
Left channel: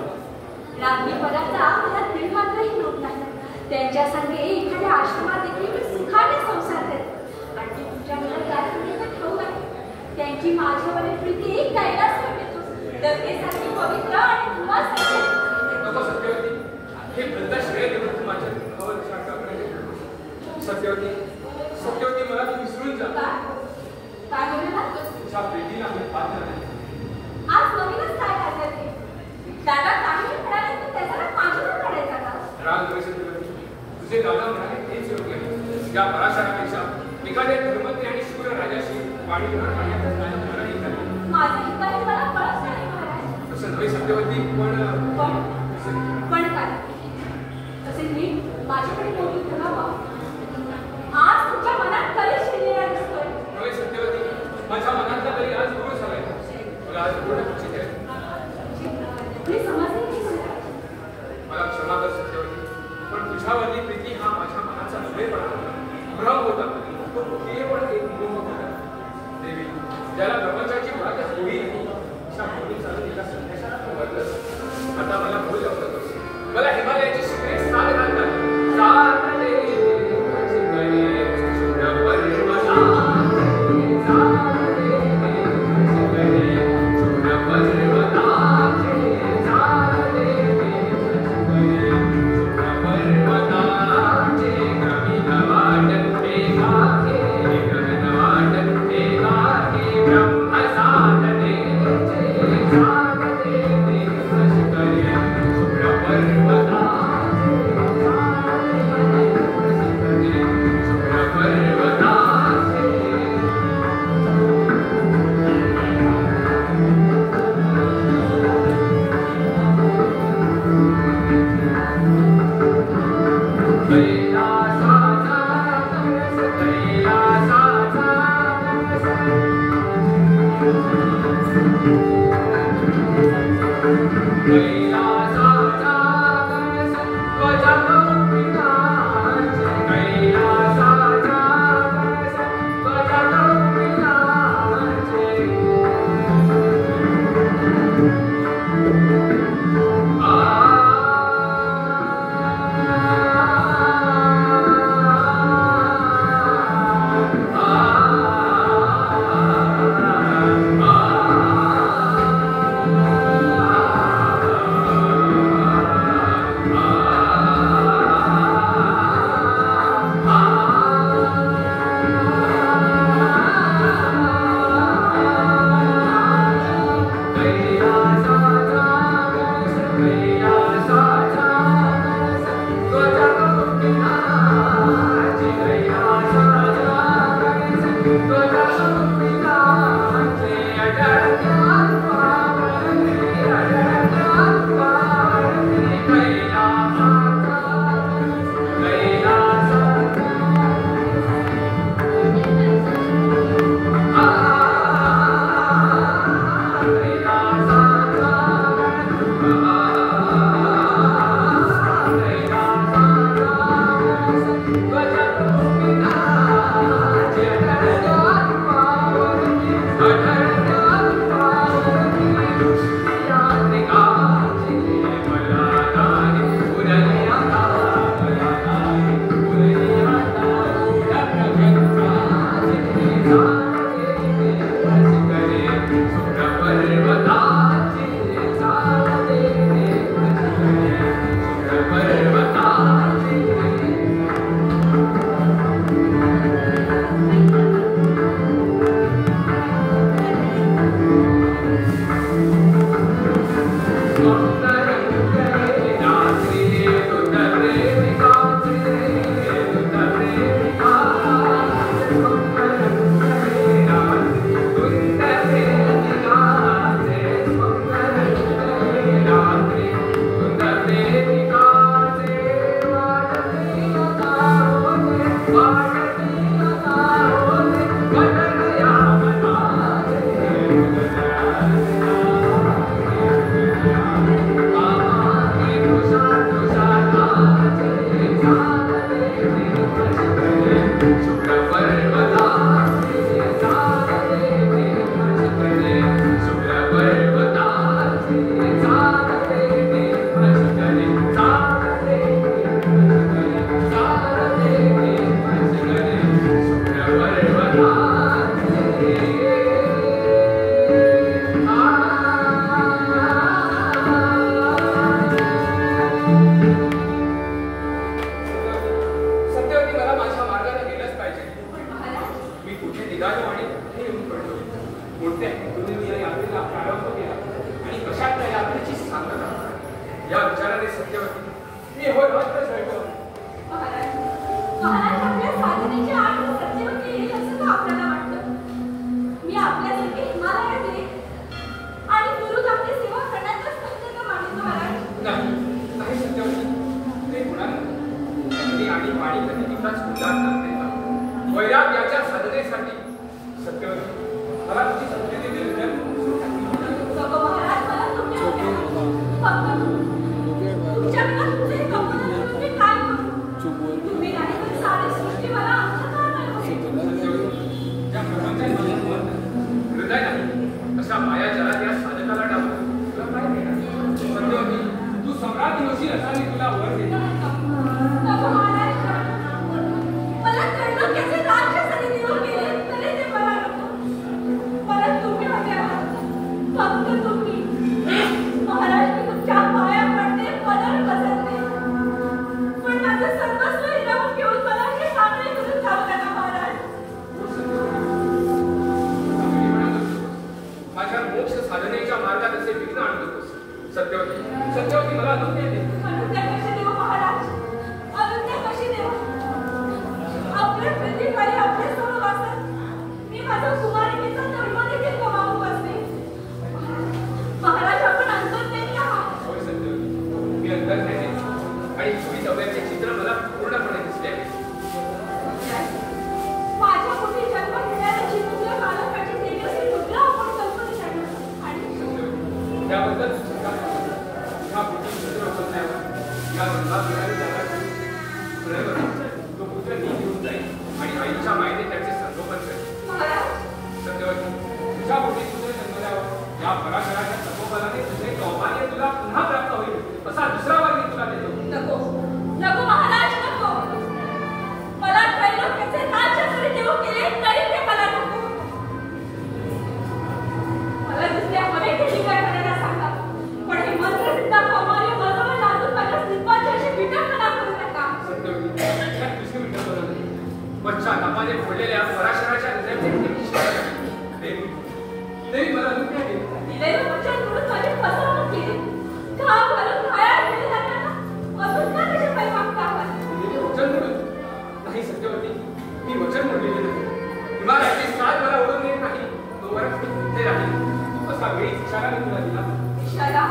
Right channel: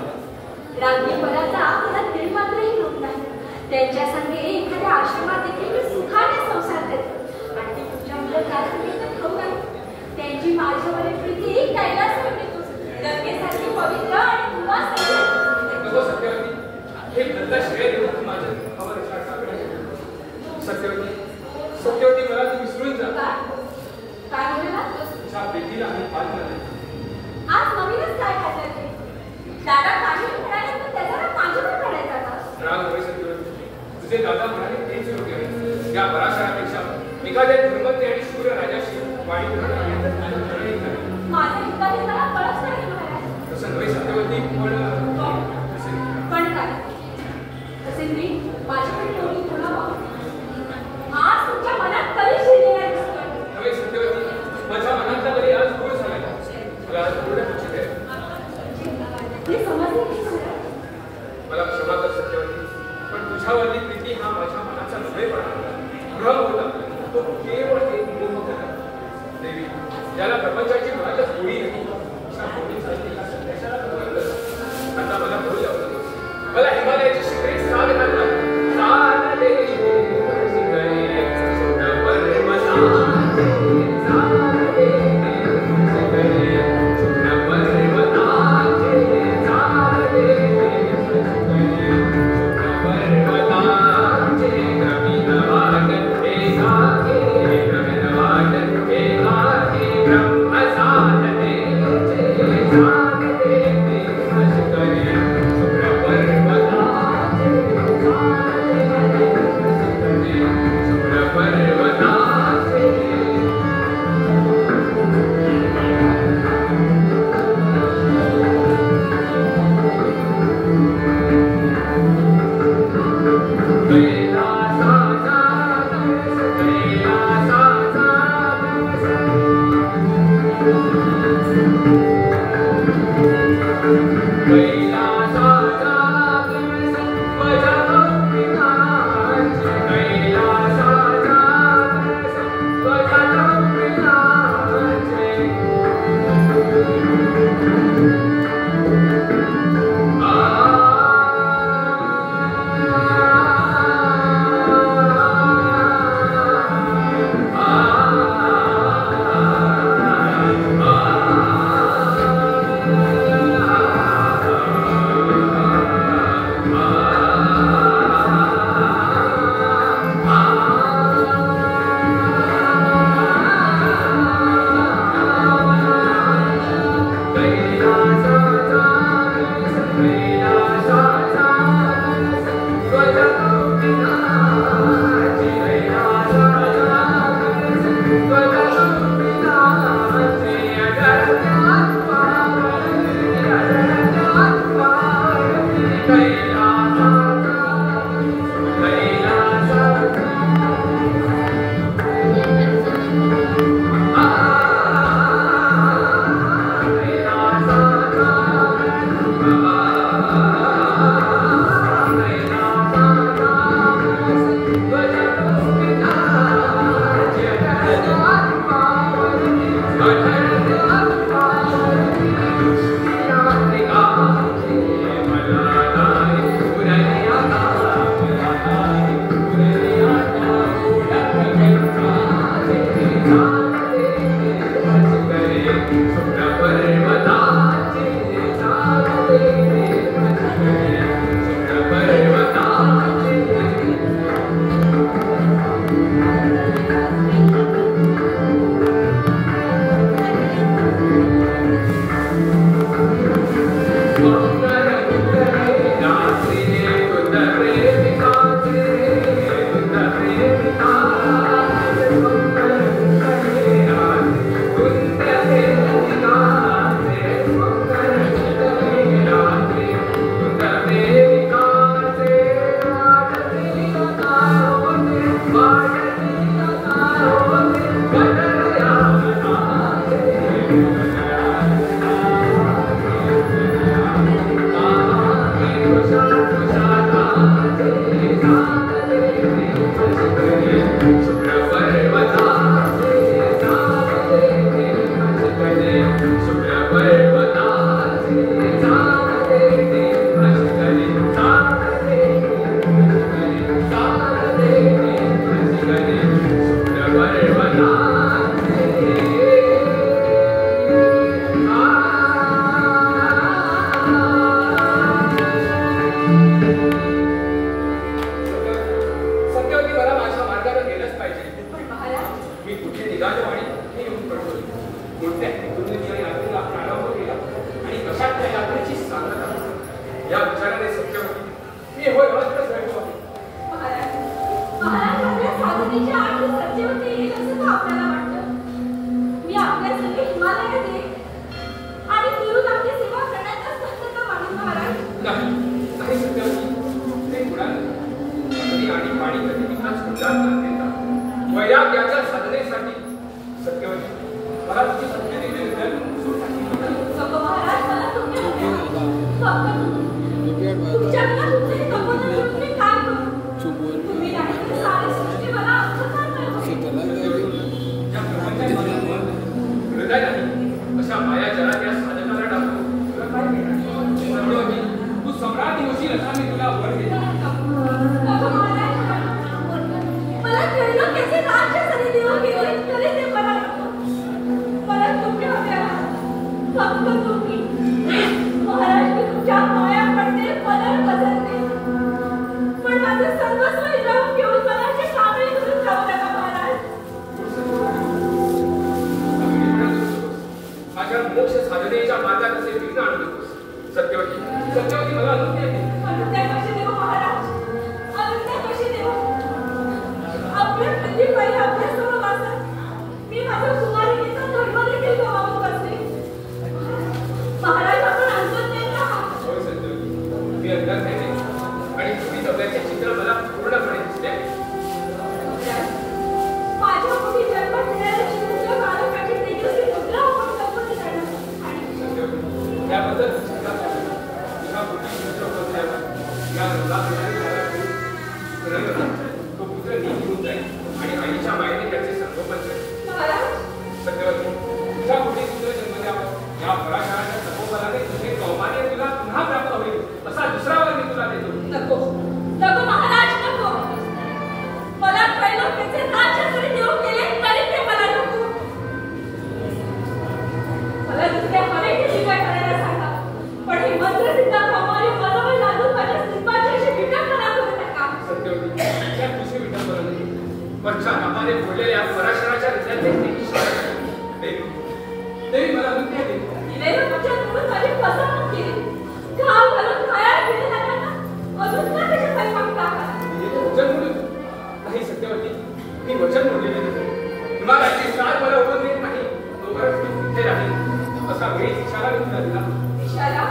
राज्ञीपदाचा मला दीड मात्रही लोक नाही. त्यांच्या संगे एखाद्या आश्रमात देखील मी सुखाने संसार करते. आणि तुमच्यामुळे काय सांगितलं ठाऊक आहे? त्यांची माझ्यावरील प्रीती कैलास वाटेतो, गंगेसारखी पवित्र आणि उल्हास नको सत्यवती, हे प्रदा श्रेय देऊन तू माझ्या दुःखावर विचार टाकण्याचे. सत्यवती मला तू विसरून जा. काय म्हणाला? तुझ्या प्रीतीला मी पात्र नाही. आज नवीनच काय काढलं ते? दादा काही म्हणाले तर त्याचा राग माझ्यावर काढायचा का? राग होय सत्यवती, तुझे दादा म्हणाले तेच योग्य आहे. या पराशरापेक्षा एखाद्या धर्मज्ञ आणि शूर राजाशी वाणी ग्रहण करण्यातच माझं ठरणे झाले. माझे हितकारी त्या त्याबद्दल तुझ्या पोटी पुत्र होत आहे. या रंगात त्याला ठेवून तो पुत्र निघून जाईल आणि आईच्या मायेने त्याचे संगोपन करेल. सत्यवती, तुझ्या पोटी पुत्र जन्म द्यावा. या पराशराच्या तपोबलाने तुझे कौमार्य तुला पुन्हा प्राप्त होईल असा दुसरा वर मी तुला देतो. नको नको महाराज, नको. मला त्रैलोक्याचे राज्य जरी देऊ केले तरी ते मला नको. मला दुसऱ्या हवेची काय करायला सांगा, पण हे मंत्रसिद्ध कौमार्य बरोबर लागून माझ्या सिंहाची अशी विटंबना करू नका. सत्यवती, त्यात तुझी विटंबना नाही. पश्चातापाने फोडलेल्या पराशराच्या हृदयात देवी मला विद्या दिली. दिलेलं वचन म्हणून माझी फसवणूक केली. घाव घालून घायाळ केलेला त्यांना अजून का त्याच्या पाय मागता आहात? दिलेले वचन म्हणून नाही सत्यवती, मी वचन म्हणलेले नाही. हिमालयाचे सार मला उभं देत नाही तोपर्यंत मी तिथे राहील असा वेळीच इशारा मी तुला दिला. इशारा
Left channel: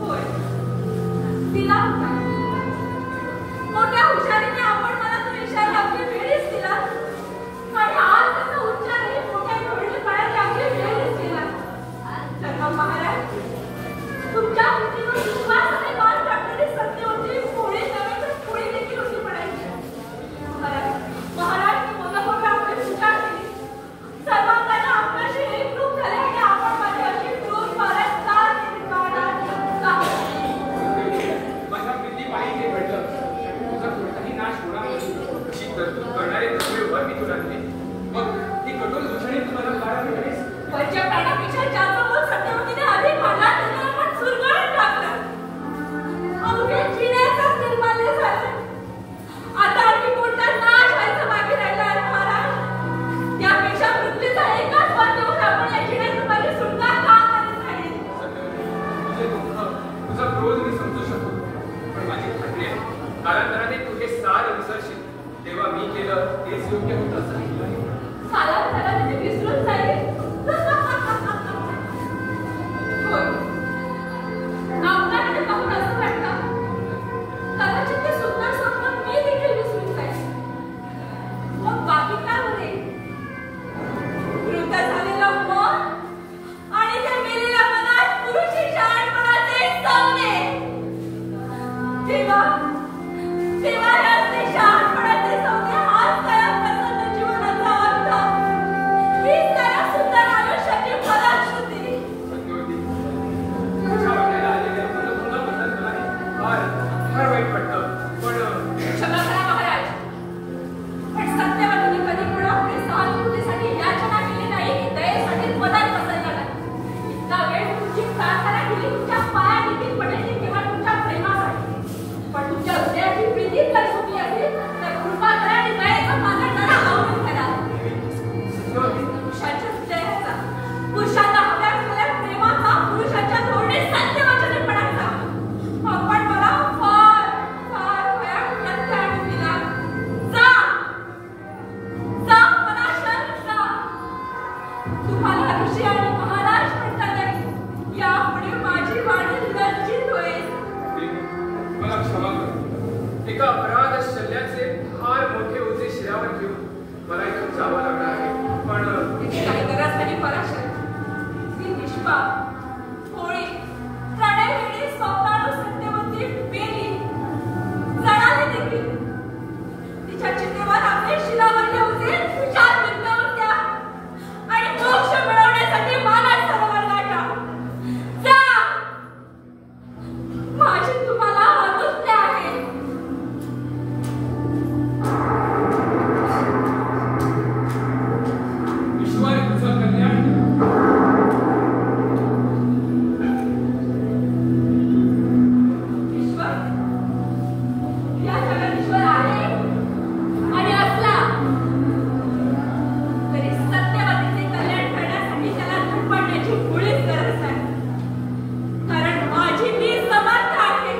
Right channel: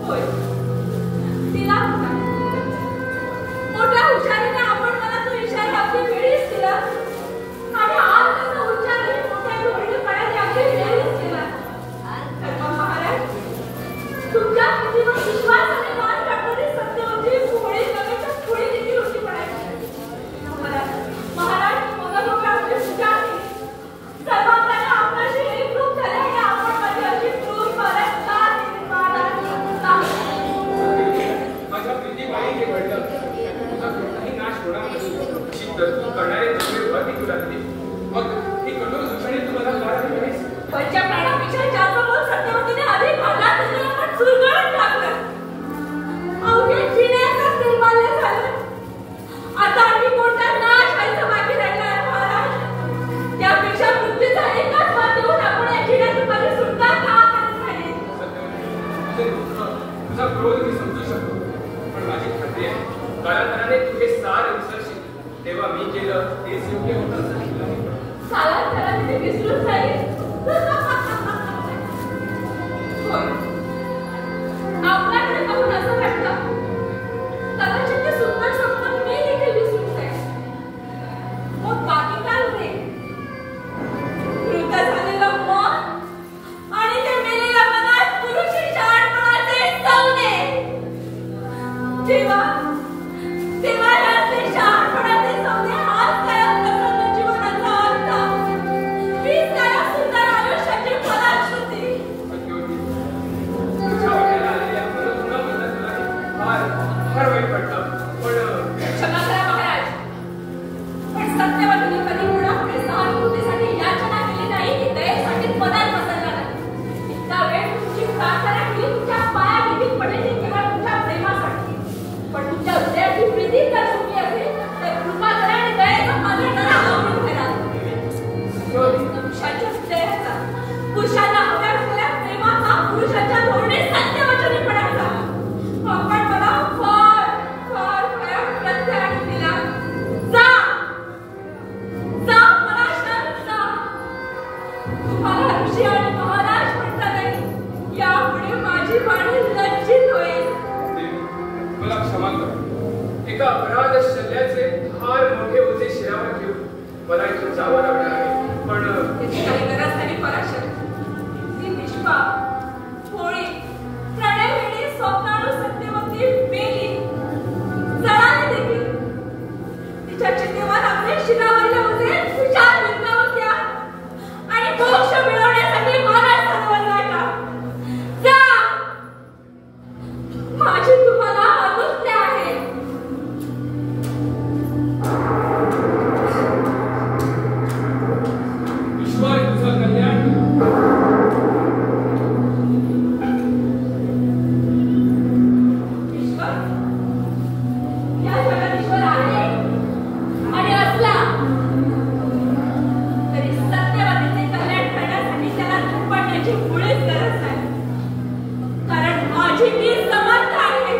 होय, दिला होता. मोठ्या हुशारीने आपण मला तो इशारा अगदी वेळीच दिला आणि आज त्याचा उच्चारही मोठ्या धोरणीपणाने अगदी वेळीच केला. तर महाराज, तुमच्या हातीवर सुवासाने मान टाकणारी सत्यवती पोळी नव्याच्या पोळी देखील होती म्हणायची. महाराज मग आपली पूजा केली. सर्वांना आपल्याशी एकरूप झाले आणि आपण माझी अशी क्रूर मारत का केली महाराज? माझ्या प्रीतीबाई हे घडलं. तुझा कोणताही नाश होणार नाही अशी तरतूद करणारे तत्वे उभारली तुला दिली. मग ही कठोर दुष्णी तुम्हाला कारण नाहीस. पंच प्राणापेक्षा जास्त बोल सत्यवतीने अधिक म्हणला त्याला पण सुरगळून टाकलं. अवघे जिण्याचा निर्माल्य झालं. आता आणखी कोणता नाश व्हायचा बाकी राहिला आहे महाराज? यापेक्षा मृत्यूचा एकच वर देऊन आपण या जिण्यातून माझी सुटका का करत राहिले? सत्यवती, तुझा क्रोध मी समजू शकतो, पण माझी खात्री आहे कालांतराने तुझे सार विसरशील तेव्हा मी केलं तेच योग्य होतं असं नाही आहे. कालांतराने मी विसरून जाईल. होय, आपल्याकडे पाहून असं वाटतं कदाचित ते सुंदर स्वप्न मी देखील विसरून जाईल. मग बाकी काय उरेल? मृत झालेलं मन आणि ते मेलेल्या मनात पुरुषी शहाणपणाचे सौदे. तेव्हा याचे शहाणपणाचे सौदे हाच काय प्रसन्न जीवनाचा अर्थ, हीच काय सुंदर आयुष्याची फलश्रुती. सत्यवती, तुझ्या वाट्याला आलेल्या मनोधुनाबद्दल मला फार वाईट वाटतं. पण क्षमा करा महाराज, पण सत्यवतीने कधी कोणापुढे सहानुभूतीसाठी याचना केली नाही की दयेसाठी पदात बसवला नाही. इतका वेळ तुमची प्रार्थना केली तुमच्या पायाभीती पडलेली केवळ तुमच्या प्रेमासाठी. पण तुमच्या हृदयाची प्रीती जर सुखी असेल तर कृपा करा आणि दयेचा माझा डरा आवरून करा. पुरुषाच्या हृदयाचा, पुरुषांना हव्या असलेल्या प्रेमाचा, पुरुषाच्या धोरणे सत्यवचनीपणाचा आपण मला फार फार भयानक प्रत्यय आणून दिला. जा जा पराशर जा. तुम्हाला ऋषी आणि महाराज म्हणता नाही, यापुढे माझी वाणी लज्जित होईल. देवी, मला क्षमा कर. एका अपराध शल्याचे फार मोठे ओझे शिरावर घेऊन मला इथून जावं लागणार आहे. पण त्याची काही गरज नाही पराशर. ती निष्पाप, भोळी, प्रणयवेडी, स्वप्नाळू सत्यवती मेली, जळाली देखील. तिच्या चितेवर आपले शिरावरले ओझे तुषार बिंबावर द्या आणि मोक्ष मिळवण्यासाठी महाराज सरोवर गाठा. जा, माझी तुम्हाला आज्ञा आहे. ईश्वर तुझं कल्याण करो. ईश्वर, या जगात ईश्वर आहे आणि असला तरी सत्यवतीचे कल्याण करण्यासाठी त्याला धडपडण्याची मुळीच गरज नाही. कारण माझी मी समर्थ आहे.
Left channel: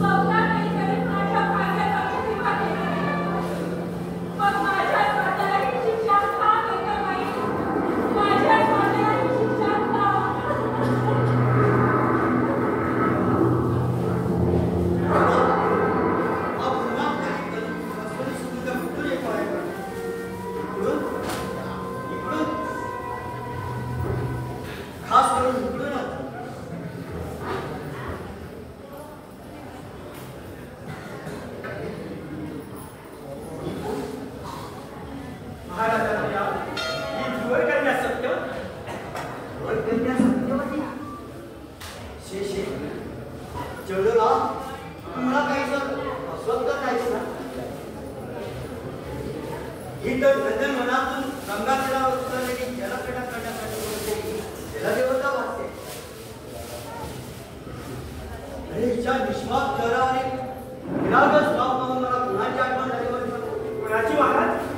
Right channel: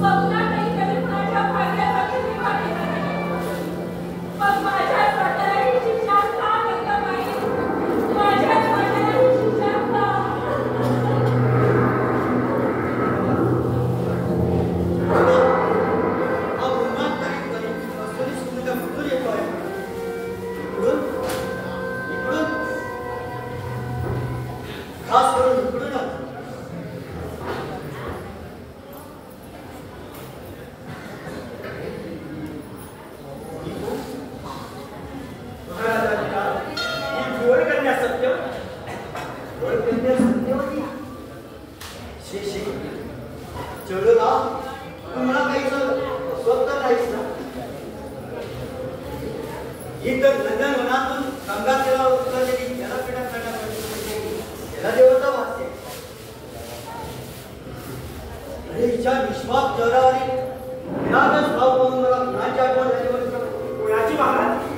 स्वप्नातही कधी कुणाच्या भाग्याचा प्रतिभा केला नाही. मग माझ्या वाट्यालाही शिक्षा का गंगाबाई? माझ्या वाट्यालाही शिक्षा का? हा पुन्हा काही करून सुनीत खास करून इकडून महाराजांच्या ही धुळकन्या सत्यवती कन्या सत्यवती शेषे चोडोला तुम्हाला काही स्वतः नाहीच ना ही तर नंदनवनातून गंगातीरा उतरलेली जलक्रीडा करण्यासाठी जलदेवता वाटते. अरे हिच्या निष्पाप चेहऱ्यावरील विरागच भाव पाहून मला कुणाची आठवण झाली बरं. कुणाची महाराज?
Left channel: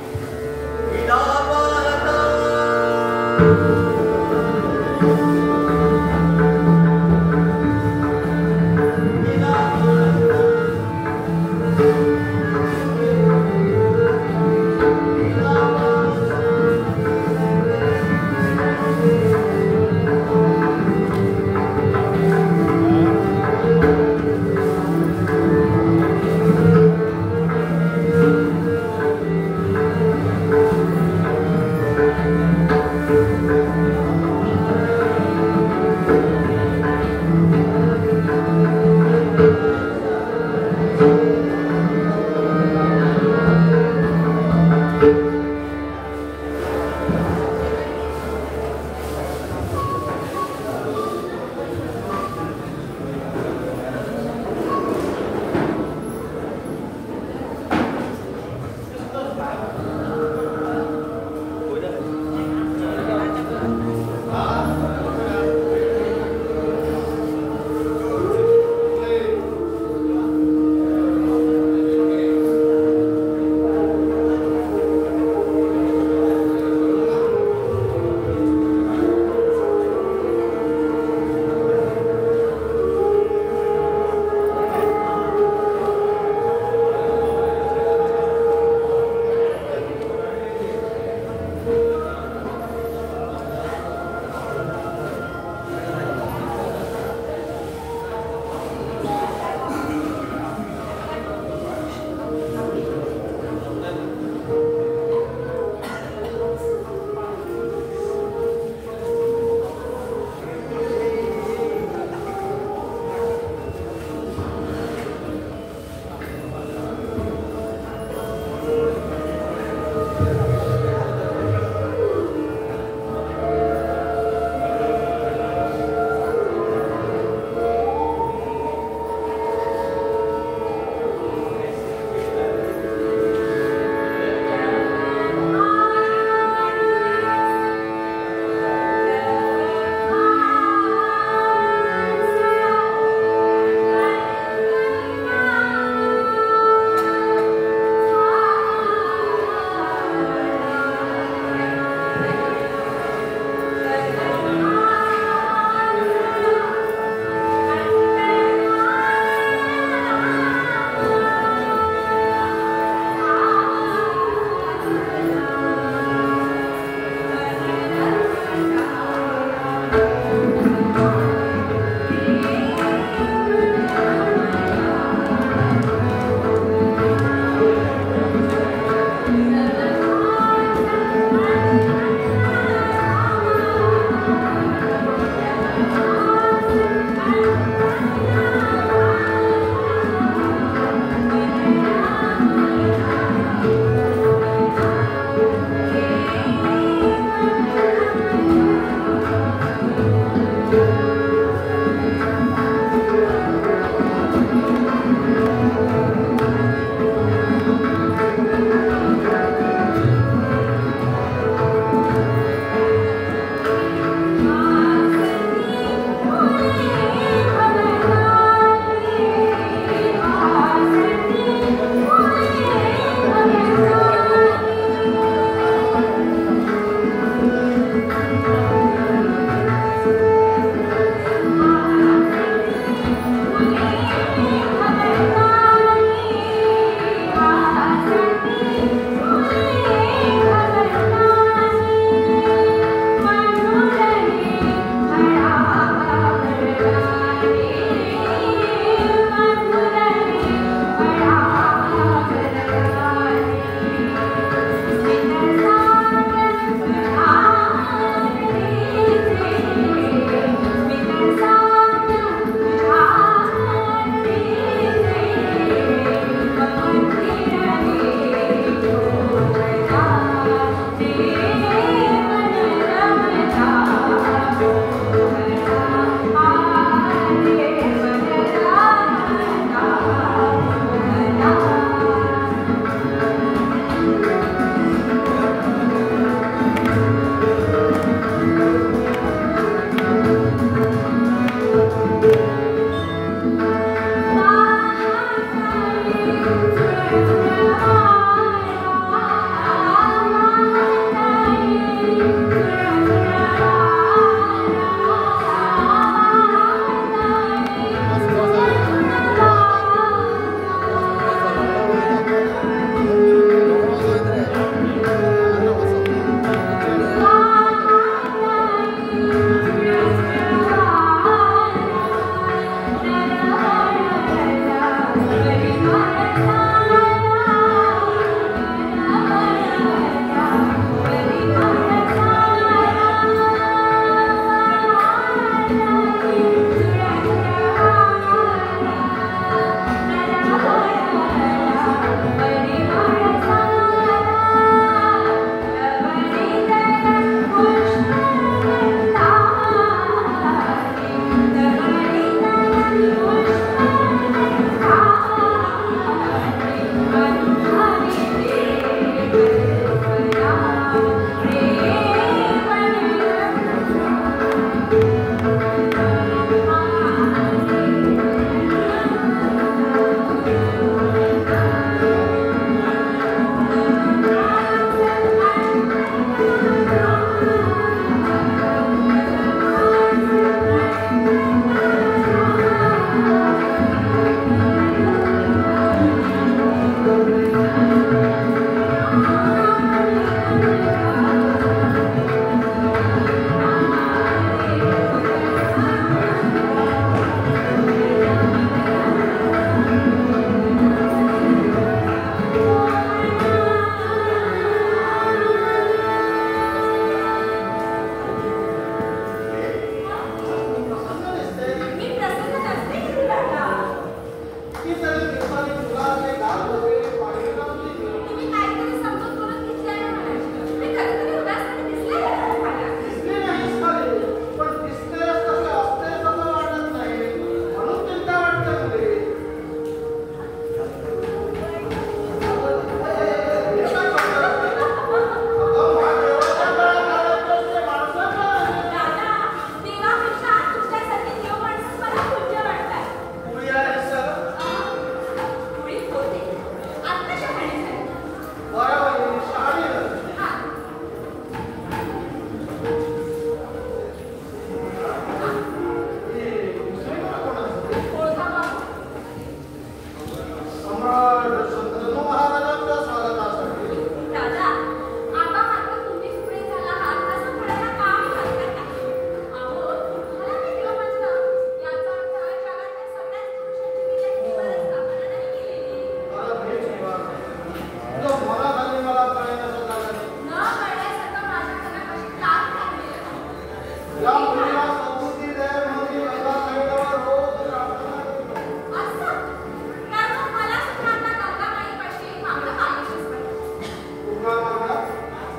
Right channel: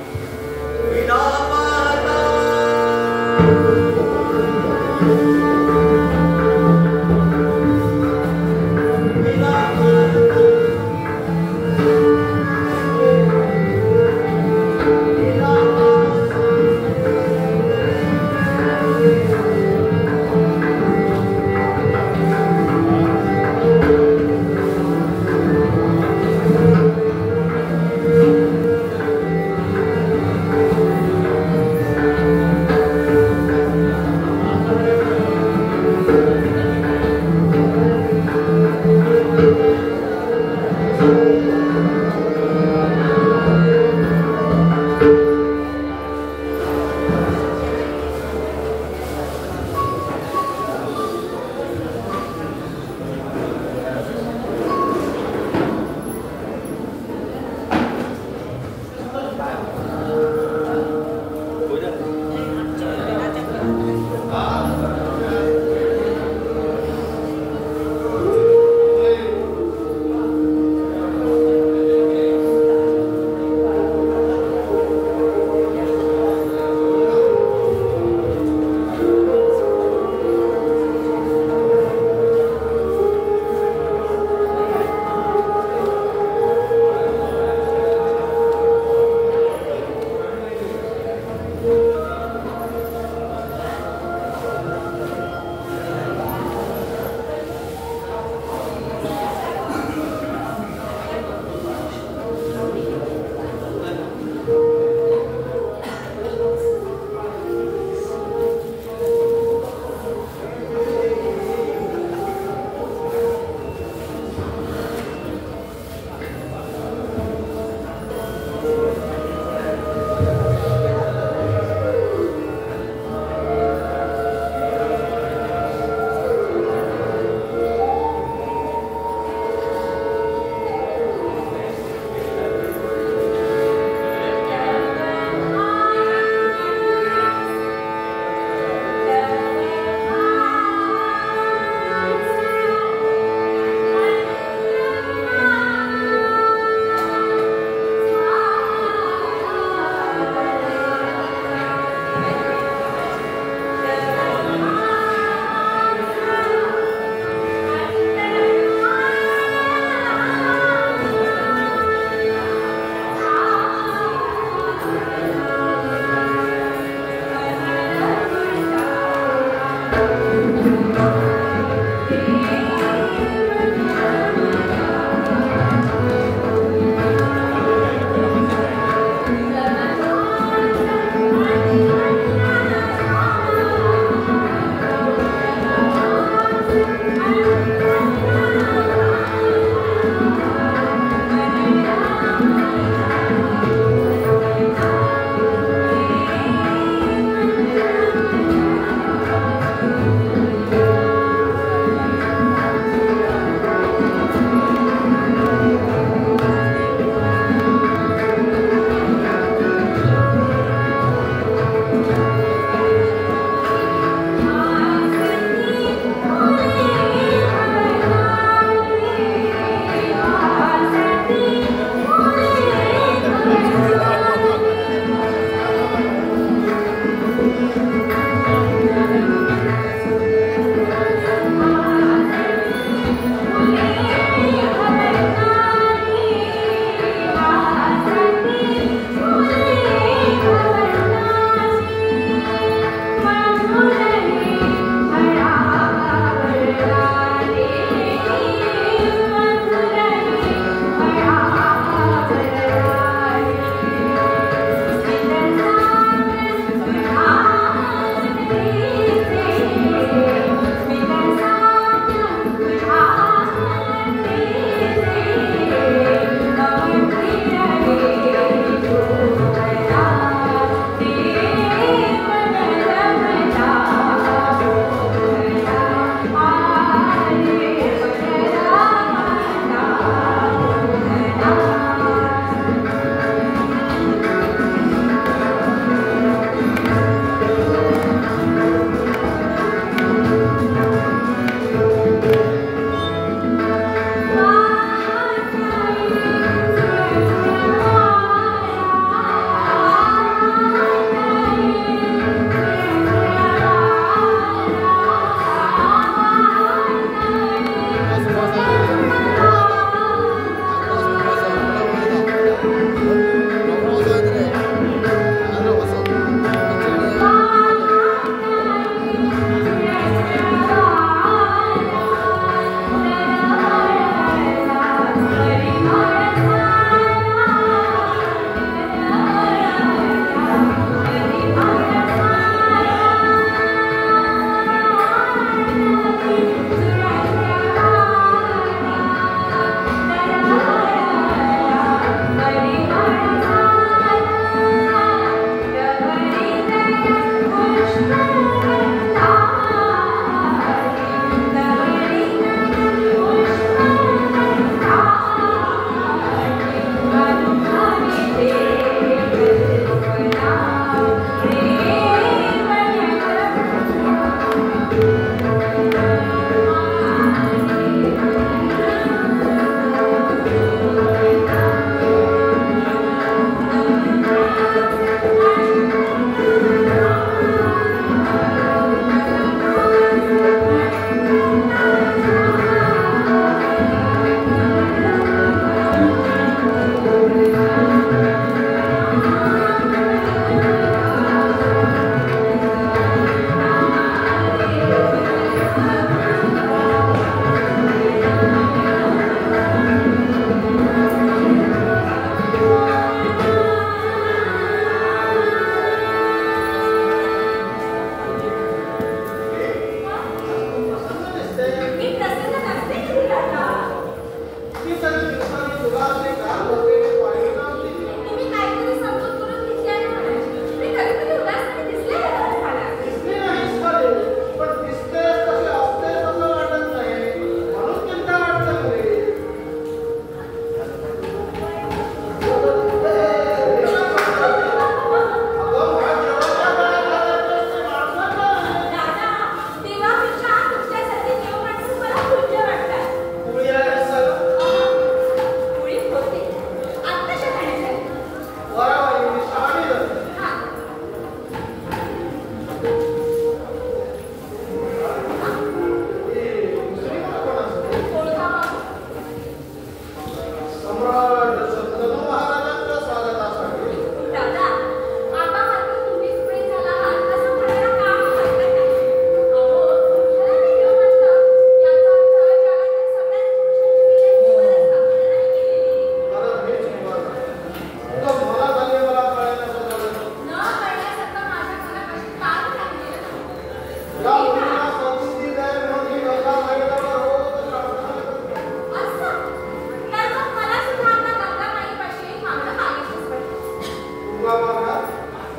तुला मागला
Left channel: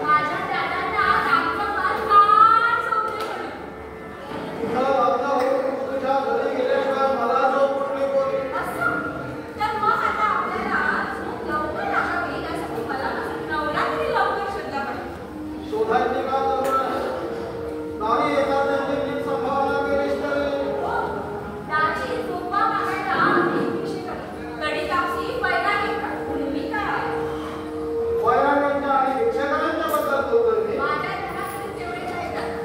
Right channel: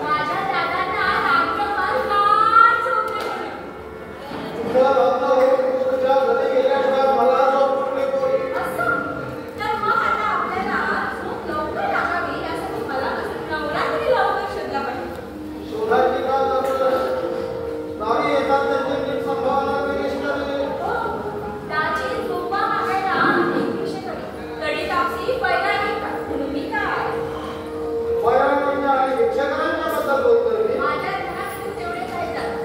माझ्या दादांना रामचंद्र फार झोपले म्हणून. तुझं लग्न होऊन तू तुझ्या घरी गेल्याशिवाय मला झोप कुठली बोल. असं तर मग आता आपल्याला झोप लवकर लागावी यासाठी मला नवरात्री लवकर शोधला पाहिजे. शोधाची का नारी येतात त्यांची नीट संभावना केलीस तरी हो, दाजी झोपा मागायला एक विषयाकडे कडी कापसी पहिला एक का तुम्ही काय वयाच्या आणि भिक्षकांच्या बद्दल बोलतोय मी. माझ्या घरात तेवढे काय झालं.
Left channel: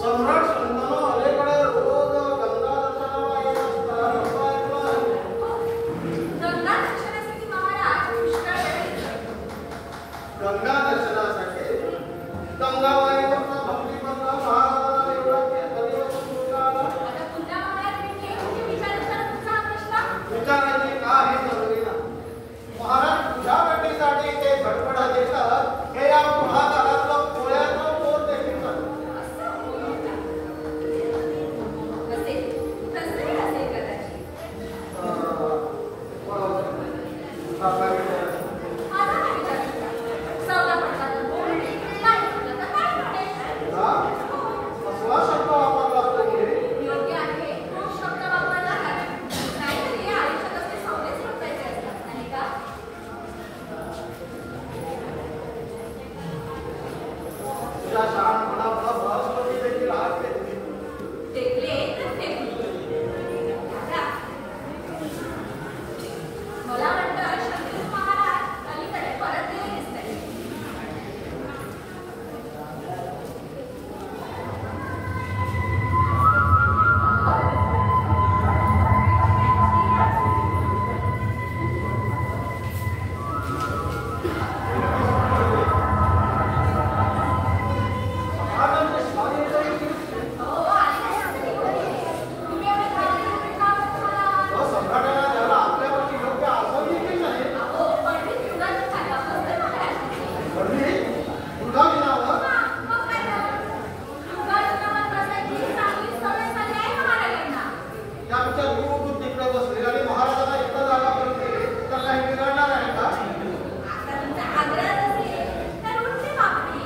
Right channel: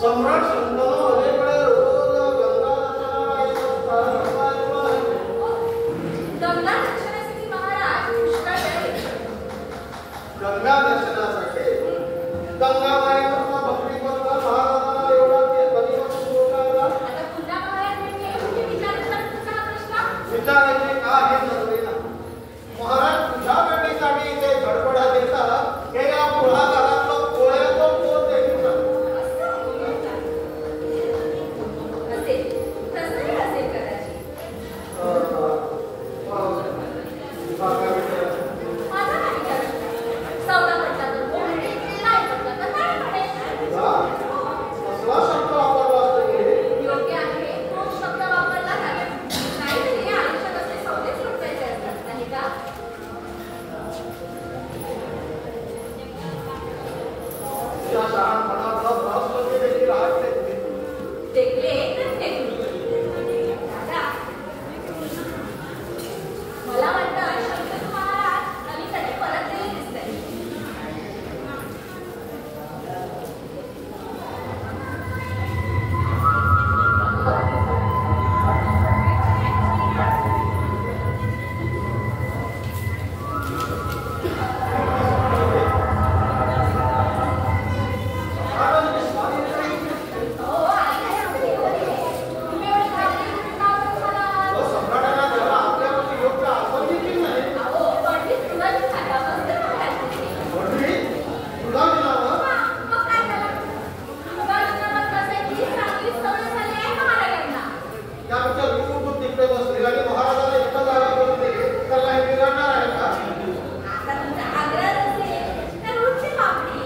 सम्राट शंतनू अलीकडे रोज गंगा दर्शनाला येत असतात असं ऐकलं आहे. गंगा दर्शनासाठी महाराज पुष्कळ वेळ येतात. गंगा दर्शनासाठी गंगाबाईवरचा भक्ती करता महाराजांना एवढा कधी बोलला आला. आता पुन्हा महाराज भेटले म्हणजे विचारायचा तुमचा हा प्रश्न. विचारायचे का हे जरुरी ना. महाराज तुझ्या भेटीसाठी ते गडबडा देतात हे या पुढाकारातलं कोळ्याचं पोट देखील सांगतं. असेल तसंही असेल कदाचित. काय विचार माझा काय विचार सौदा पडला तर बोलणे नाही पडला तर काय म्हणे. कसला शब्द वापरला असतो हे. योग्य आहे तो शब्द वापरला जातो. नाहीतरी आयुष्यात असे सौदेच लुटायचे असतात नाही का. तुझ्या शहाणपणाचा बृहस्पती देखील आज टेकले तर टेकले. दादा, मला वाटतं शंतनू महाराज अलीकडे परत गेले दिसतात. हो, आली नाही आपली. तुम्ही एवढी घाबरली का बरं झाला? सम्राटाला त्याला आपल्यापैकी योग्य आसन देखील नाही. अहो, पंडित तुझाच खाला बसते महाराज. वडील तुला मी नावं हा, मग काय झालं? तुझा लग्नावर बसायची चांगली सवय झाली आहे महाराजांना. त्यापेक्षा तू तिकडे बसली आणि महाराजांना इथं जागा बसली तर नाही बिघडणार आहे का. आता तुमचा आग्रह असेल तर उठते बापडी.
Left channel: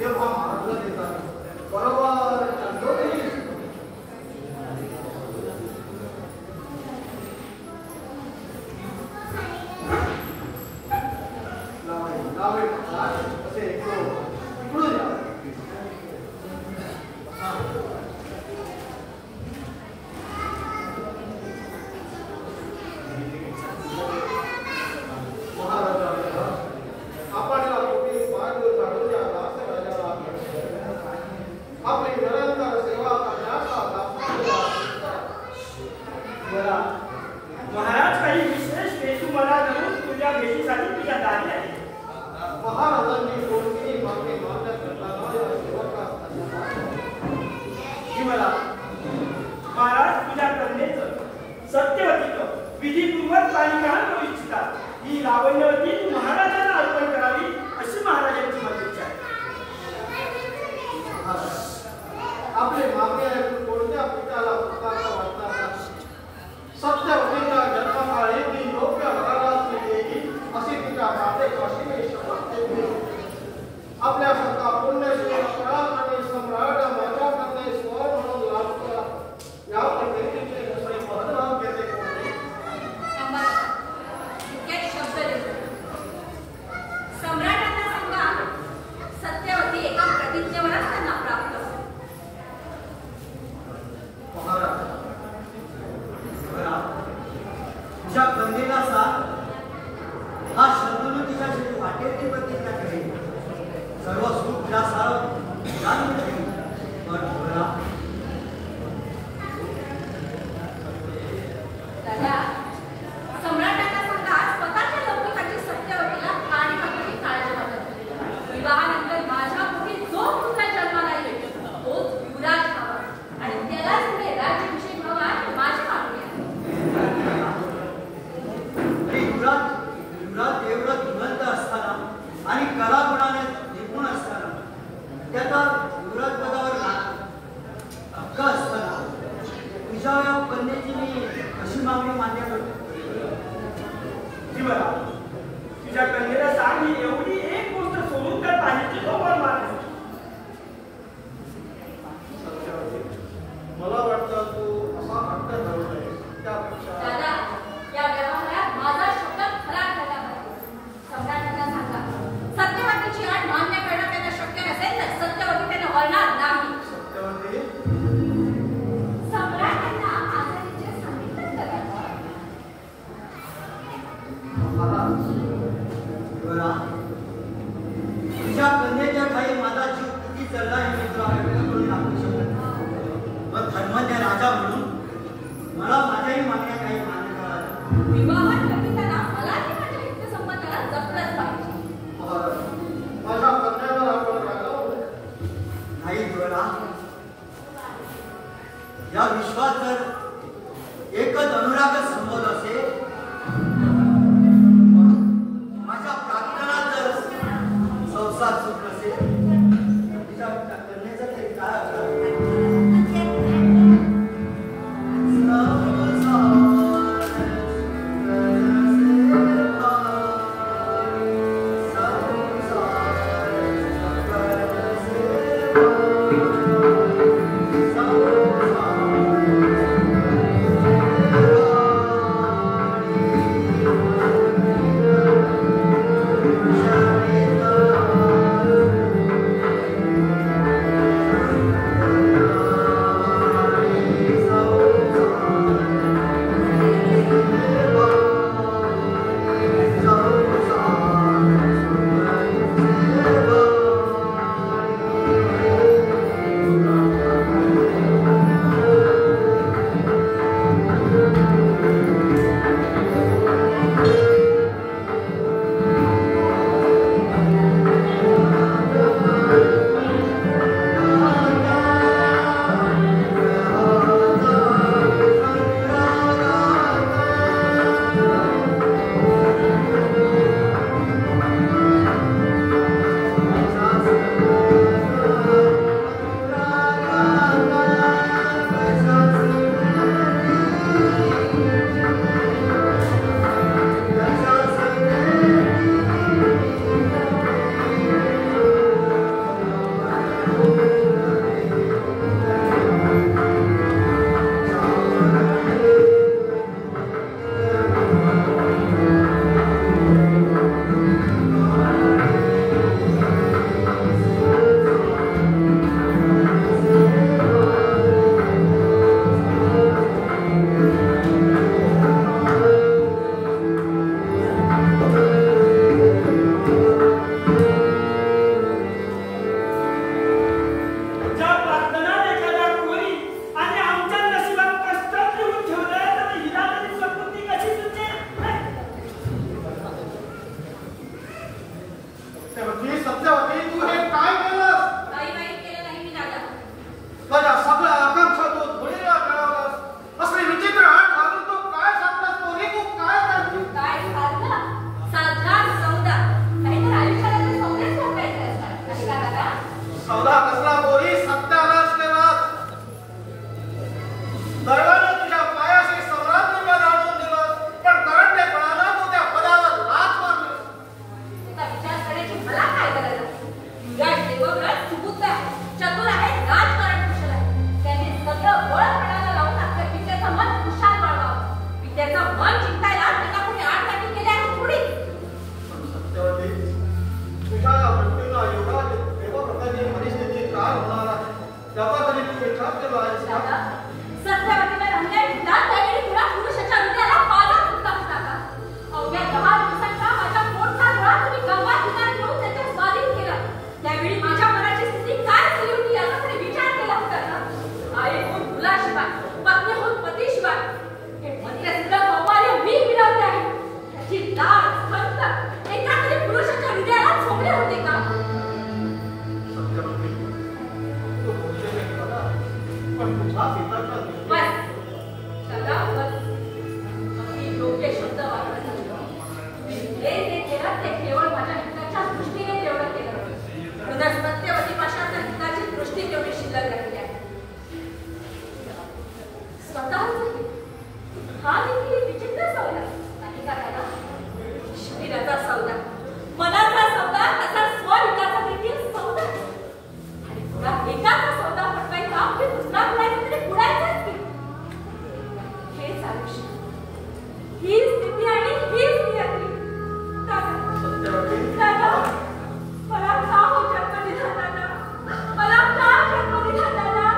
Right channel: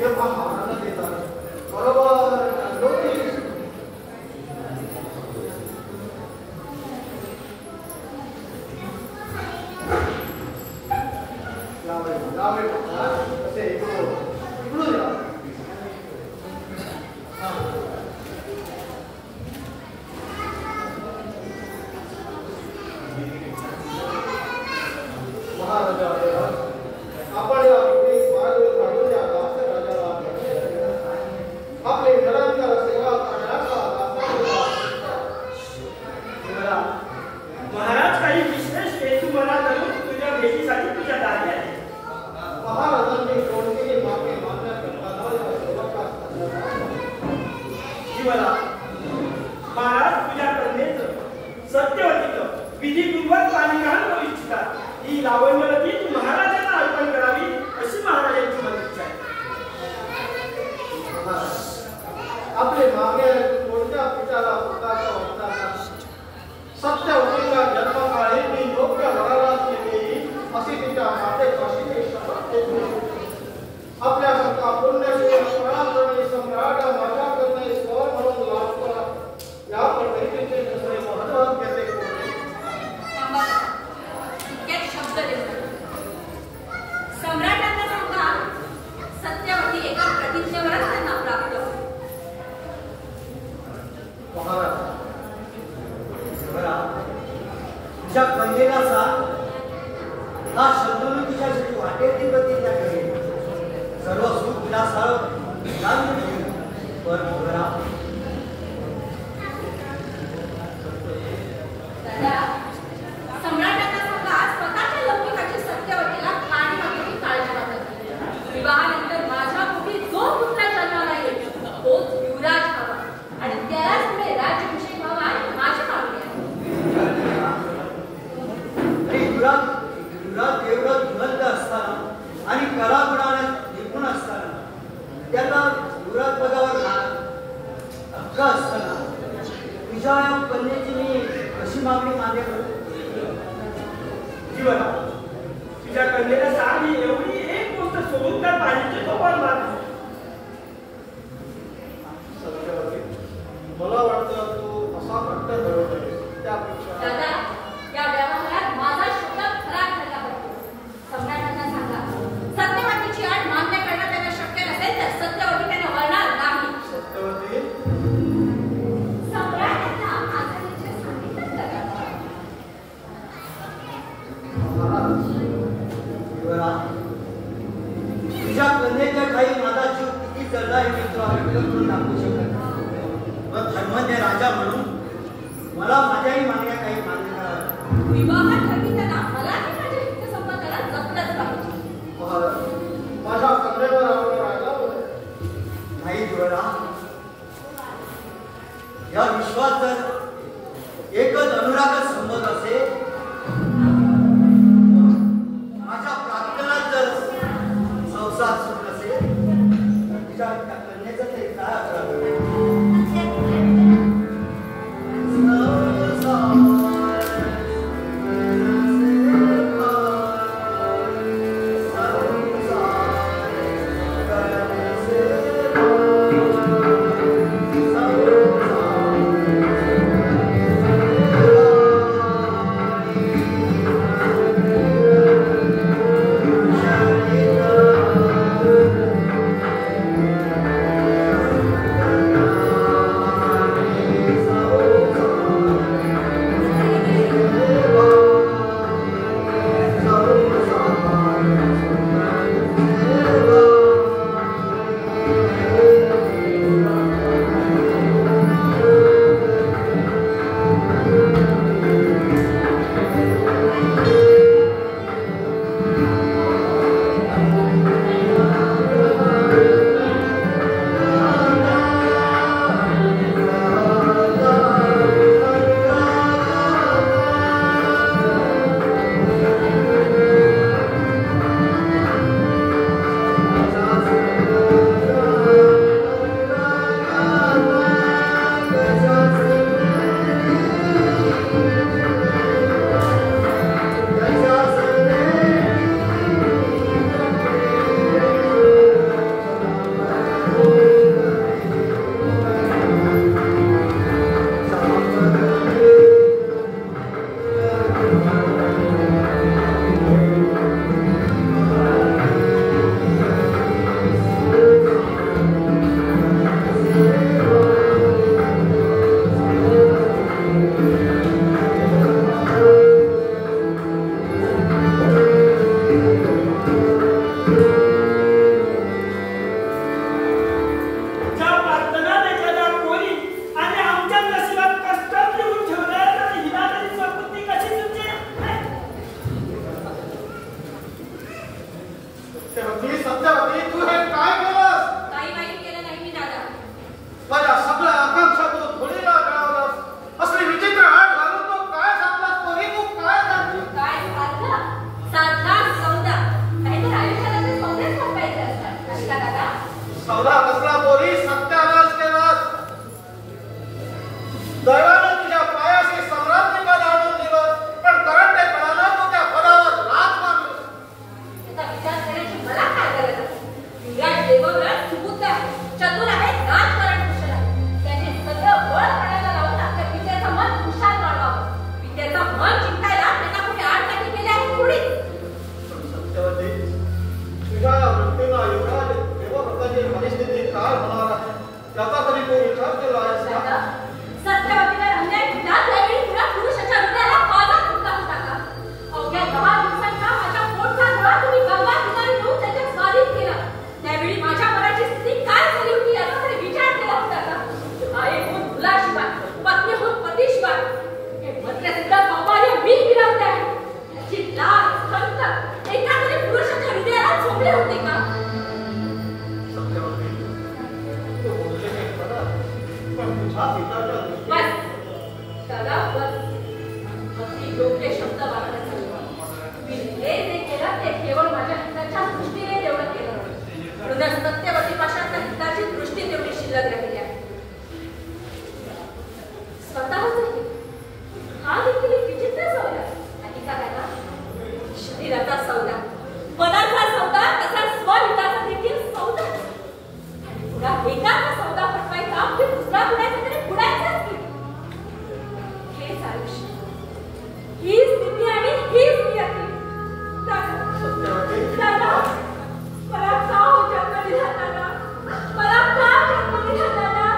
तेव्हा महाराजांना देतात बरोबर दोघेही लावे असे इकडून या. महाराजा आपण या मार्ग काढून द्या असं राजाला त्यांना युवराज पदावर हक्का असताना तुझ्या या कन्येची मी कशी मागणी मान्य करतो? जीवना तुझ्या कन्येला सांग ही एवढी एक गोष्ट सोडून तर पाहिजे तो पण मात्र मला वाटतं तू असा हट्ट धरवत आहेस त्यापेक्षा दादा, या व्यवहारात माझा शब्द खरा ठरला पाहिजे. सम्राटांना सांगा, सत्यवतीची आड मान्य करणं त्यांना शक्य नसेल तर सत्यवती त्यांना वळणार नाही. सत्यवती सम्राटांना माझा विचार सांगितलं करायचा. तुझ्या कन्येच्या काही माझा जीव किती जळला हे मित्र करून दाखवू शकत नाही. पण धर्मज्ञ राजा म्हणून मला माझ्याही मागण्या काही मान्य करा. विवाह ठरविताना मलाही माझ्या हितसंबंधाला जपलंच पाहिजे. माझ्या कन्येवर आपण राहिला नाही जुळला. या विश्वात जर एकच अनुरागच संबंध असेल, माझ्या प्रार्थनात जर संसार सुट नसेल, तिच्या कन्येचा तरी काय अपराध? केवळ माझ्या हिताच्या दृष्टीने तेवढं केलं. सत्यवती पाशात एकाचा सौदा पटवायचा की दुसरा बुडायचा तरी बुडायचाच की. हेच आयुष्य, ही स्थिती आणि हीच नियती. दादा, मला का हो जन्म दिला दादा? मला का जन्म दिला दादा?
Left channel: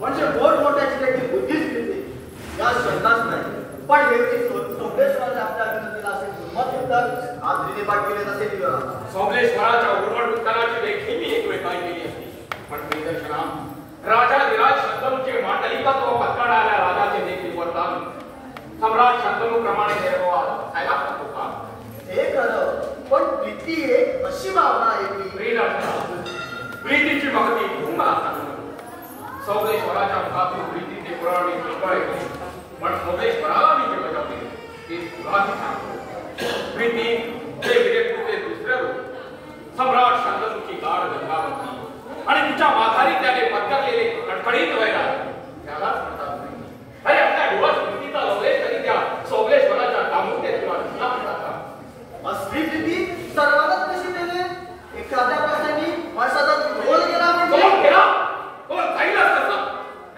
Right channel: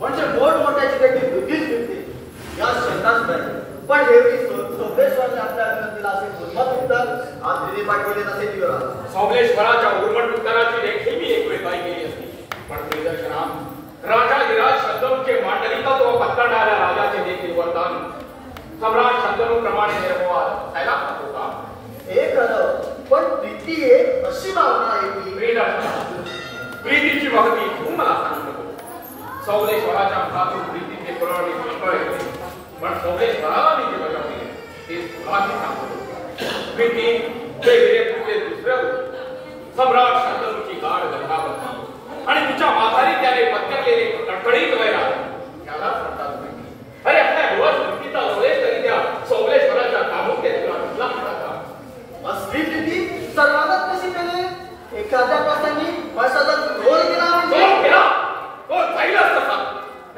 म्हणजे मोठमोठ्याची देखील बुद्धीच मिळते या शंकाच नाही. पण हे सोमेश्वराने आपल्या विनंतीला असे दुर्मत उत्तर आज दिले पाठविले नसे दिलं. सोमेश्वराच्या उर्मट उत्तराची देखील मी एक वेळ काय केली असती, पण प्रियदर्शना राजाधिराज शंतनूचे मांडलिकत्व पत्करणाऱ्या राजाचे देखील वरदान सम्राट शंतनूप्रमाणे निर्वाद व्हायला हवं होता. हे खरं, पण प्रीती एक अशी भावना आहे की प्रीतीची महती तू मला सांगतो. सोमेश्वराच्या मुखातून प्रीतीचे पुरावे कळले, पण सोमेश्वराला मी जे बजावले ते तुलाही सांगतो. प्रीती हे वीरपुरुषे दुसऱ्या रूप सम्राट शंतनूची गाढ गंगावती आणि तिच्या माघारी त्याने पत्करलेले कडकडीत वैराग त्यालाच म्हणतात. अरे आपल्या डोळ्यात प्रीतीचा लवलेश तरी त्या सोमेश्वराच्या दामुक्यात किंवा तुला म्हणतात का? स्त्री प्रीती सर्वांनाच कशी पेले? एखाद्या प्रसंगी माणसाचा रोल केला म्हणजे कोण केला? कोण जाईलच कसा?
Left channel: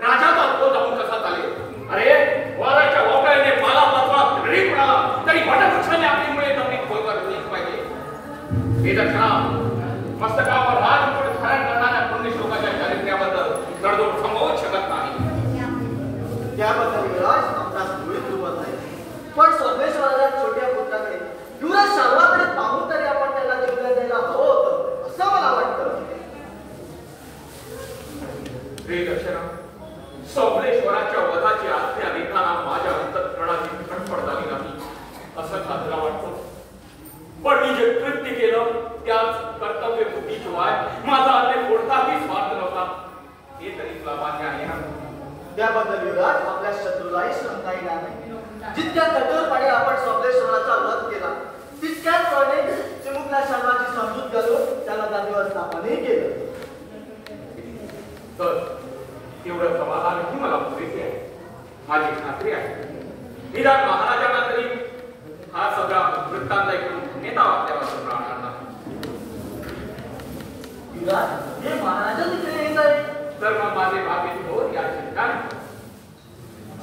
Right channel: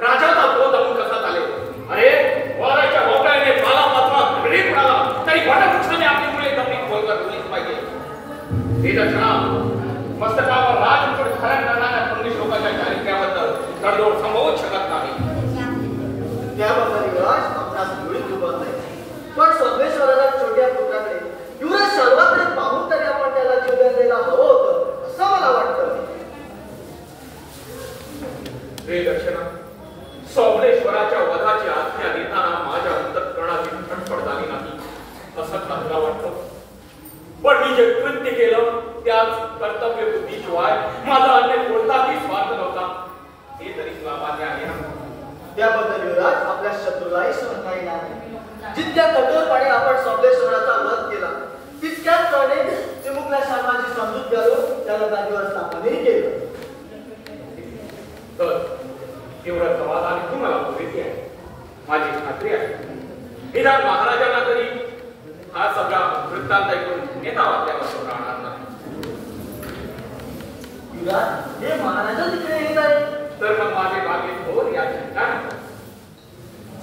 राजाचा तो जाऊन कसा चालेल? अरे वाराच्या वोकळ्याने पाला पाचवा घडीत पडाला तरी वटवृक्षाने आपली मुळे जमिनीत खोल करलीच पाहिजे. हे दर्शना मस्तकावर राजमुकुट धारण करणाऱ्या पुण्यश्लोकाच्या चारित्र्याबद्दल तडजोड संभवू शकत नाही. त्याबद्दल राज आपणास मुळीच उद्भवत नाही. पण सोमेश्वराच्या छोट्या पुत्राकडे युवराज सर्वाकडे पाहून तरी आपण त्याला जीवन द्यायला हवं होतं असं मला वाटतं. हे दर्शना सोमेश्वराच्या वधाची आज्ञा देताना माझ्या अंतःकरणाची धडपड झाली नाही असं मला वाटतं. पण मी जे कृत्य केलं त्याच कर्तव्य बुद्धीशिवाय माझा अन्य कोणताही स्वार्थ नव्हता हे तरी तुला मान्य आहे ना? त्याबद्दल युवराज आपल्या शत्रूलाही शंका येणार नाही. जितक्या कठोरपणे आपण सोमेश्वराचा वध केला तितक्याच पणे चिमुकल्या शर्माची समजूत घालून त्याला जागेवर स्थापनही केलं. तर तेवढं समाधान मला पुरेसे आहे. माझी खात्री आहे निदान महाराजांना तरी हा सगळा वृत्तांत ऐकून नेता आपल्यावर राहणार नाही. युवराज हे महाराजा तिकडे येत आहे तर मग माझे मागे होत या शंका नाही.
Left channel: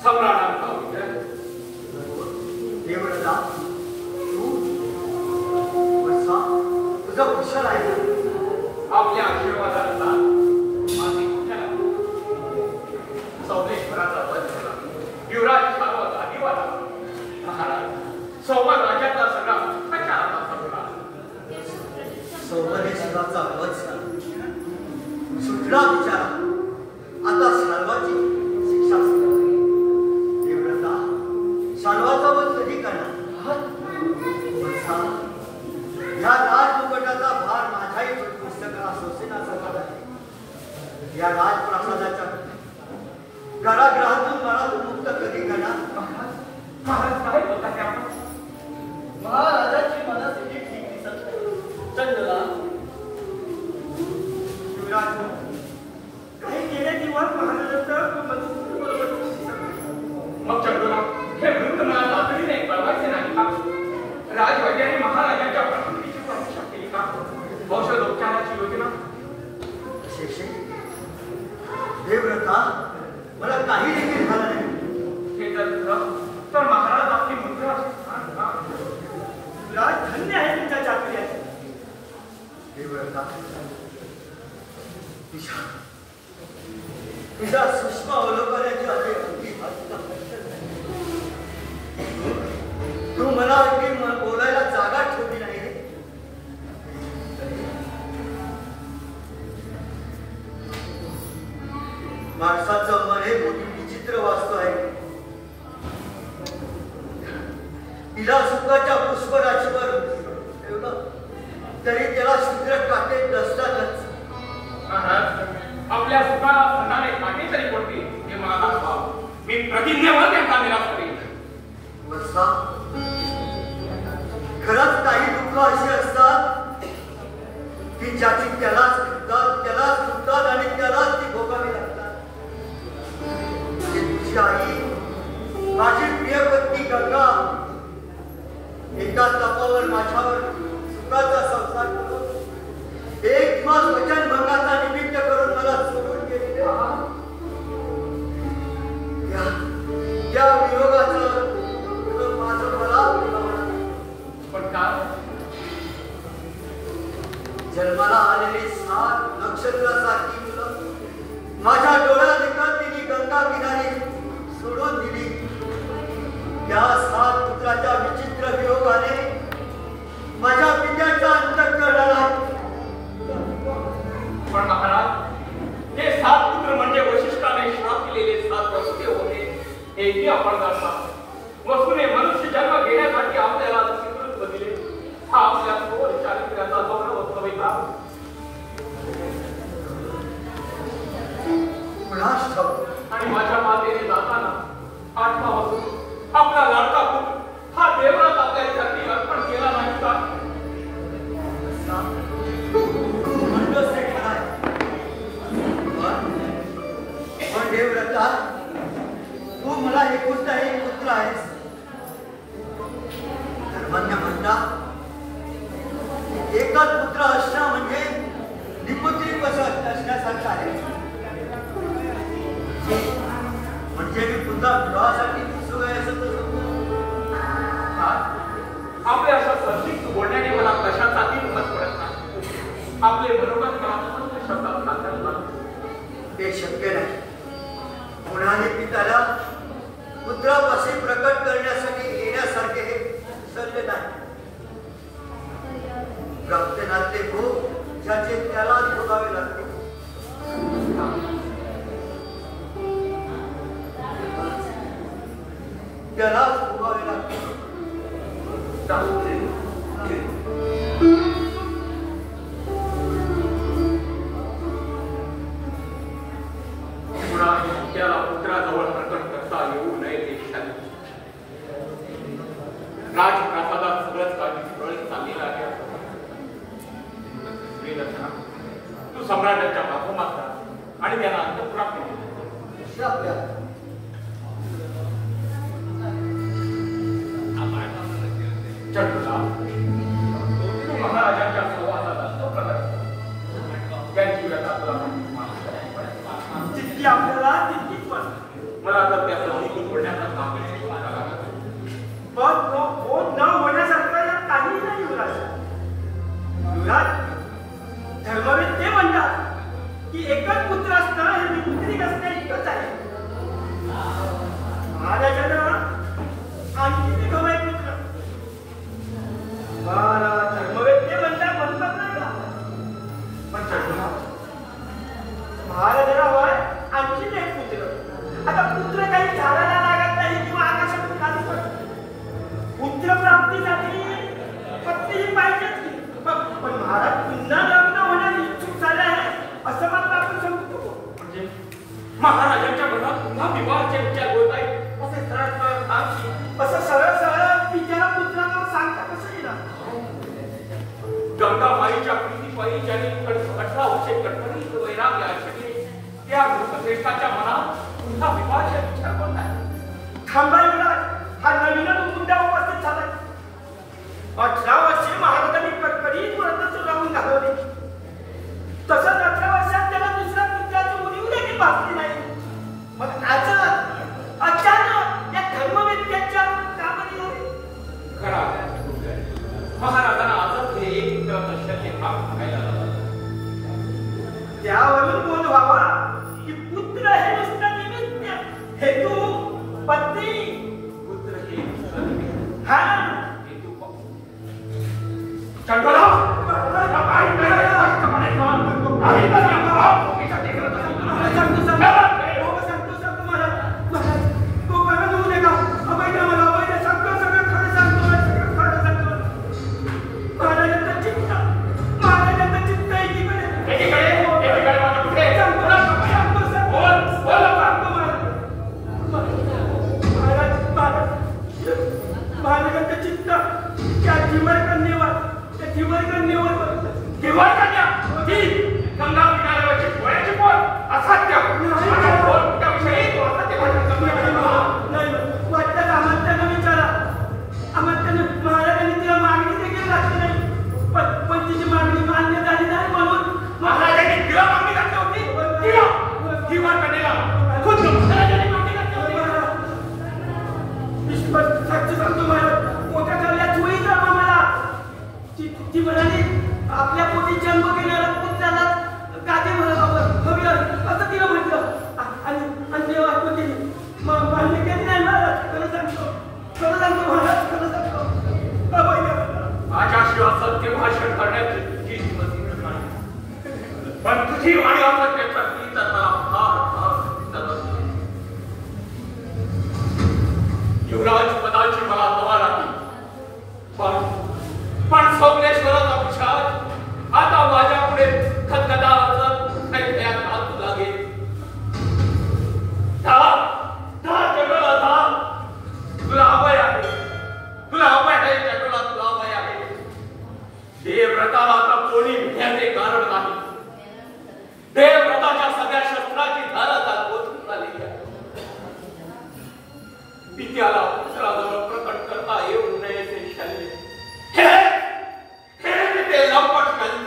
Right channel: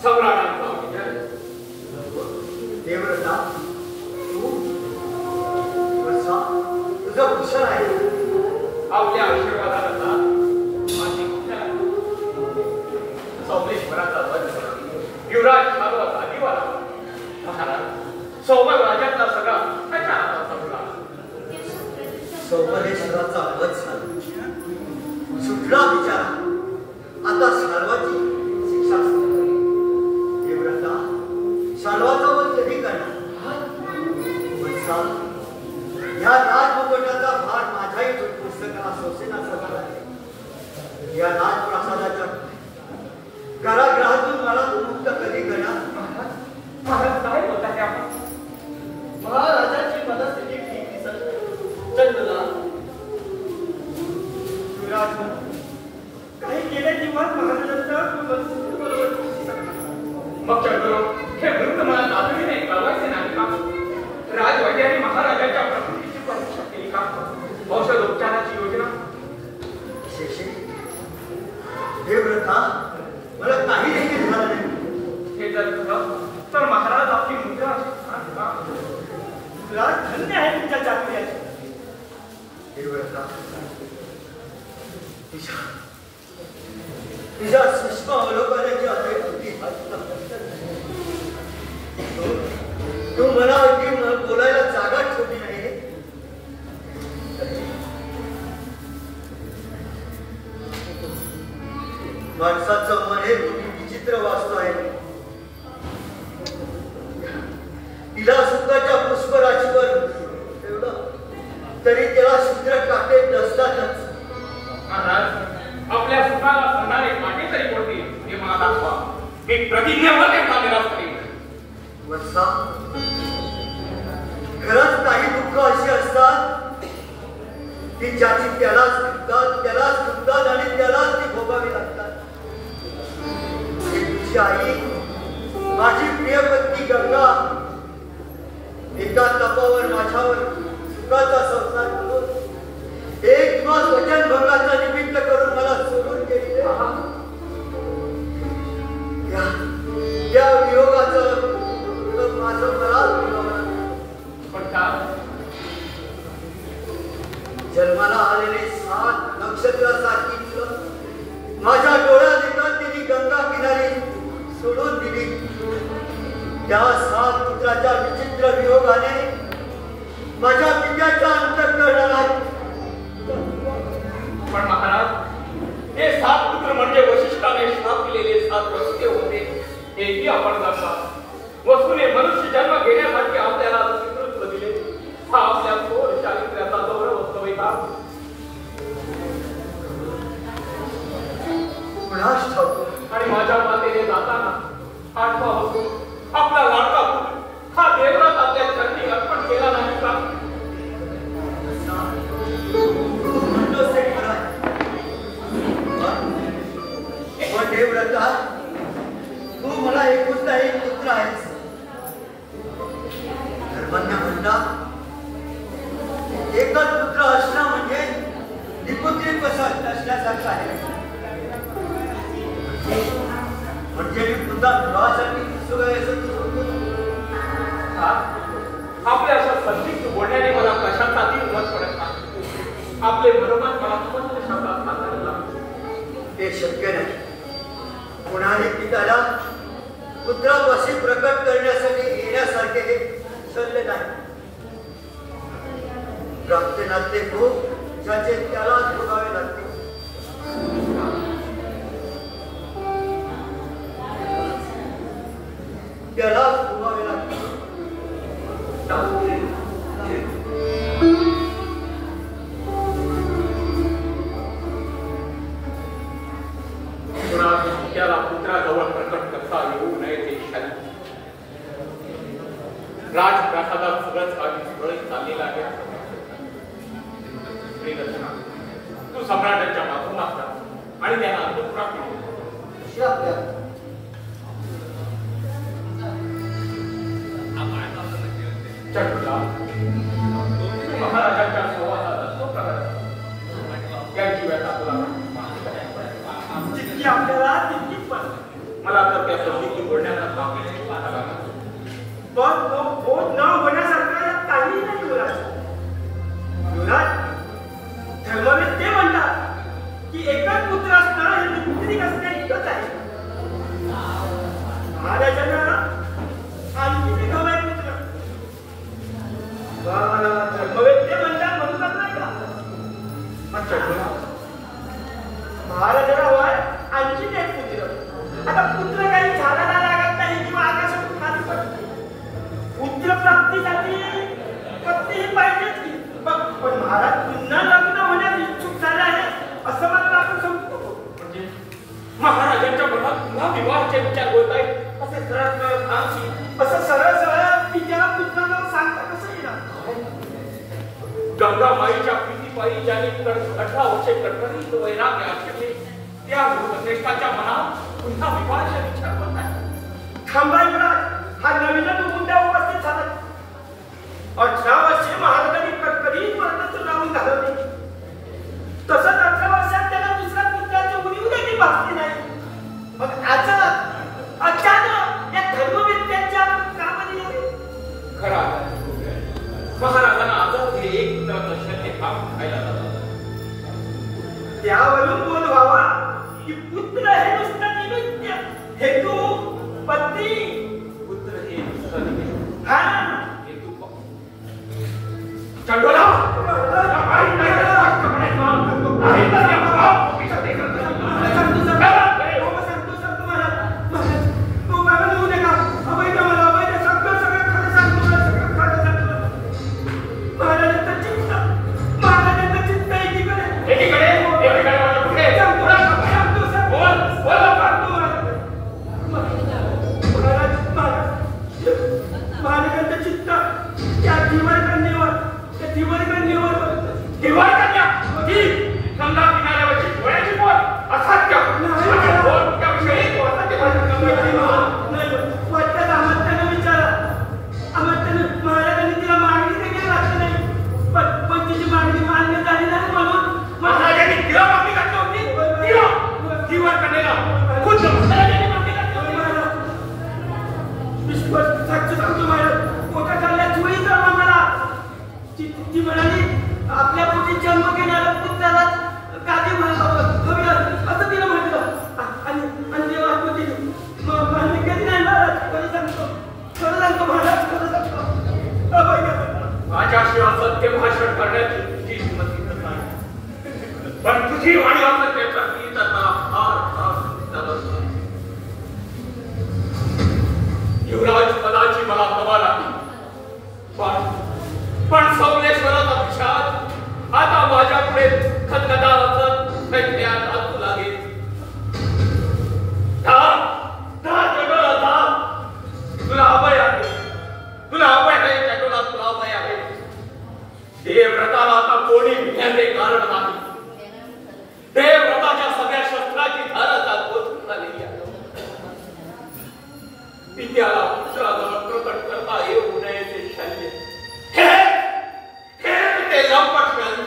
सम्राटांचा विचार देवळा तुझं भूषण आहे. आपल्या आशीर्वादाला माझी कुठ्याला सोमेश्वराचा वध झाला. युवराज झालो आदिवाला महाराज सोमन राज्यातला सगळा कशा पडला. सोमेश्वराचा वध झाला सुटला बिचारा. आता शाल्वाची शिक्षा देवव्रता शाल्वाचा वध कधी करणार? या राजमुकुटाचा भार माझ्याही पुस्तकाला सोसेनासा झाला आहे. या राजप्रासादाच्या कारागृहातून मला मुक्त कधी करणार? महाराज काय बोलतात आपण? महाराजांची मनस्थिती ठीक दिसत नाही. चंदला युवराज काही गेल्या दिवस महाराजांचं मग चंद्र हे वृत्त मला तातडीने कळवायचे नाही का? राजवैद्याने महाराजांच्या प्रकृतीची परीक्षा केली का? औषधोपचाराची योजना शेषे देवव्रता मला काही देखील झालं नाही. हे जर खरं तर महाराज आपली मुद्रा राज धन्य आहे तुमच्या चाकरीची. देवव्रता तिच्या सूक्ष्म अवलोकनाची अगदी तू मला बोलायला जागा ठेवली नाही रे. माणसाचं मन हे मोठी विचित्र वास्तू आहे. तिला सुखाच्या पुष्पराशीवर ठेवलं तरी त्याला शुद्र काटे टसतातच. महाराज आपल्या सुखाला म्हणणारे काटे तरी कोणते हे मला दाखवा. मी प्रतिज्ञा त्यांचा निराश करेन. वत्सा खरंच काही दुःख अशी असतात की ज्याची त्यालाच दुखतात आणि त्यालाच ती भोगावी लागतात. तुझी आई माझी प्रिय पत्नी गंगा एका तपावर माझ्यावर सुखाचा संसार करून एक दिवस वचनभंगाचा निमित्त करून मला सोडून गेली. त्या वियोगाचं माझं मला पण का जन्माला आलेले 7 नक्षत्रासारखी मुलं माझ्या डोळ्यात येतात तिने गंगा किनारी सोडून दिली. या 7 पुत्राच्या विचित्र वियोगाने माझ्या पित्याच्या अंतःकरणाला पण महाराज हे 7 पुत्र म्हणजे वशिष्ठाने श्राप केलेले 7 रस्ते होते हेही आपण जाणता वसूने मनुष्य जन्म घेण्यासाठी आपल्याला पितृत्व दिले हा आपल्या थोर चारित्र्याचा गौरव असतो का आणि माझ्या मातेने जाताना 8वा वसून आपला लाडका पुत्र हा देवरात आपल्या चरणी अर्पण केला नाही का देवव्रता तू मला एकुलता एक पुत्र आहेस धर्मज्ञ म्हणतात एकच पुत्र असणं म्हणजे निपुत्रित कसं असण्यासारखं आहे म्हणजे मी पुन्हा विवाहासाठी उत्सुक आहे असं तू आपल्या अशा संदिग्ध बोलण्याने मला कशाचाही मत पडत नाही आपले बरोबर आत्मस्थ शब्दात नाकारला ते शक्य नाही कोणाने पित्याला पुत्रापाशी प्रकट करण्यासाठी येण्यासारखे हे सल्ले नाही रक्त नाते भोग ज्याचे त्याला भोगावे लागते त्यालाच भोगावे लागते त्याला पुत्राजवळ प्रकट करता येऊ नये ते शाली राजप्रासादात सगळंच काही सुरळीत चाललेलं आहे असं प्रियदर्शना तू सम्राटांच्या माध्यमात जा आणि त्यांना अंतःपुरात चटुला तू महाराजांच्या संवादाला तो प्रकार त्यांची व्यथा तुला जितकी आपल्याला तितकीच मला तर त्या संधीतून बोलण्याचा काम पण तो बोध न होण्यासारखं यात काहीही नाही युवराज युवराज धर्मवेद ते म्हणतात की एकच पुत्र असणं हे निपुत्रिक असणं इतकंच आहे महाराजांना आणखी एक हवाय पुत्र धर्मवेद ते म्हणतात म्हणतात नाही का अच्छा महाराजांना हवाय आणखी एक पुत्र आता पुत्र काही झाडाला लागत नाही किंवा आकाशात खाली पडत पुत्र प्राप्तीसाठी पत्नीही पाहिजेच की पण महाराज पुन्हा लग्न होण्यास इच्छुक झाले आहे असं मात्र आपण समजतो म्हणजे महाराजांच्या मनात पुन्हा विवाहाचे विचार होत आहेत असे सरळ सरळ सांगची असं सरळ सरळ पित्याला पुत्राला सांगता कसं येणार गंगा माईच्या प्रीतीपायी ज्याने 18 वर्षे कडकडीत वैराग्य आचरले त्या श्रेष्ठाच्या मनात पुन्हा विवाहाचे विचार होत आहेत थांबा युवराज हा नवीनच मुद्दा उपस्थित झाला 18 वर्षे महाराजांनी कडकडीत व्रत जाऊन घालवले तसंच 18 वर्षात त्याला दुसऱ्या पुत्राची उणीव देखील भासली नाही मग अचानक या धर्मवेत्याच्या कामाने खरा महाराजांना आजच हे एक पुत्राचं शक्य काम खायला लागलं त्यावरून बोध व्हावा की पुत्र हे नुसतं निमित्त हेतू पत्नी पुत्र हे हा हेतू चंडोला आपल्या पोटी जन्म घेणारा पुत्राला गादी हवी असं तिला म्हटलं आणि जेव्हा मान्य कधी नाही महाराज खरं सांगतो सांगतो महाराज, खरं सांगतो. माझ्याशिवाय सत्य भाषण करण्याची तुझी हिंमती नाही, पण तुझी वाणी असत्याची तर मला फार फार नमस्ते. युवराज पदाची मला तवा लागली, पण सोमलेश्वराचा पिशाच आता माझ्या पुढे खतखता वाचत नाचू लागेल. तुला अभय आहे, तुला अभय आहे, जगाला तुला अभय आहे. देवव्रताला आता कोणी भिण्याचे कारण नाही. देवव्रताच्या सगळ्या शस्त्राची धार आता पोचून झालेली आहे. पित्याला पुत्राजवळ प्रकट करता येऊ नये ते शल्य, हे ते लंपट शल्य,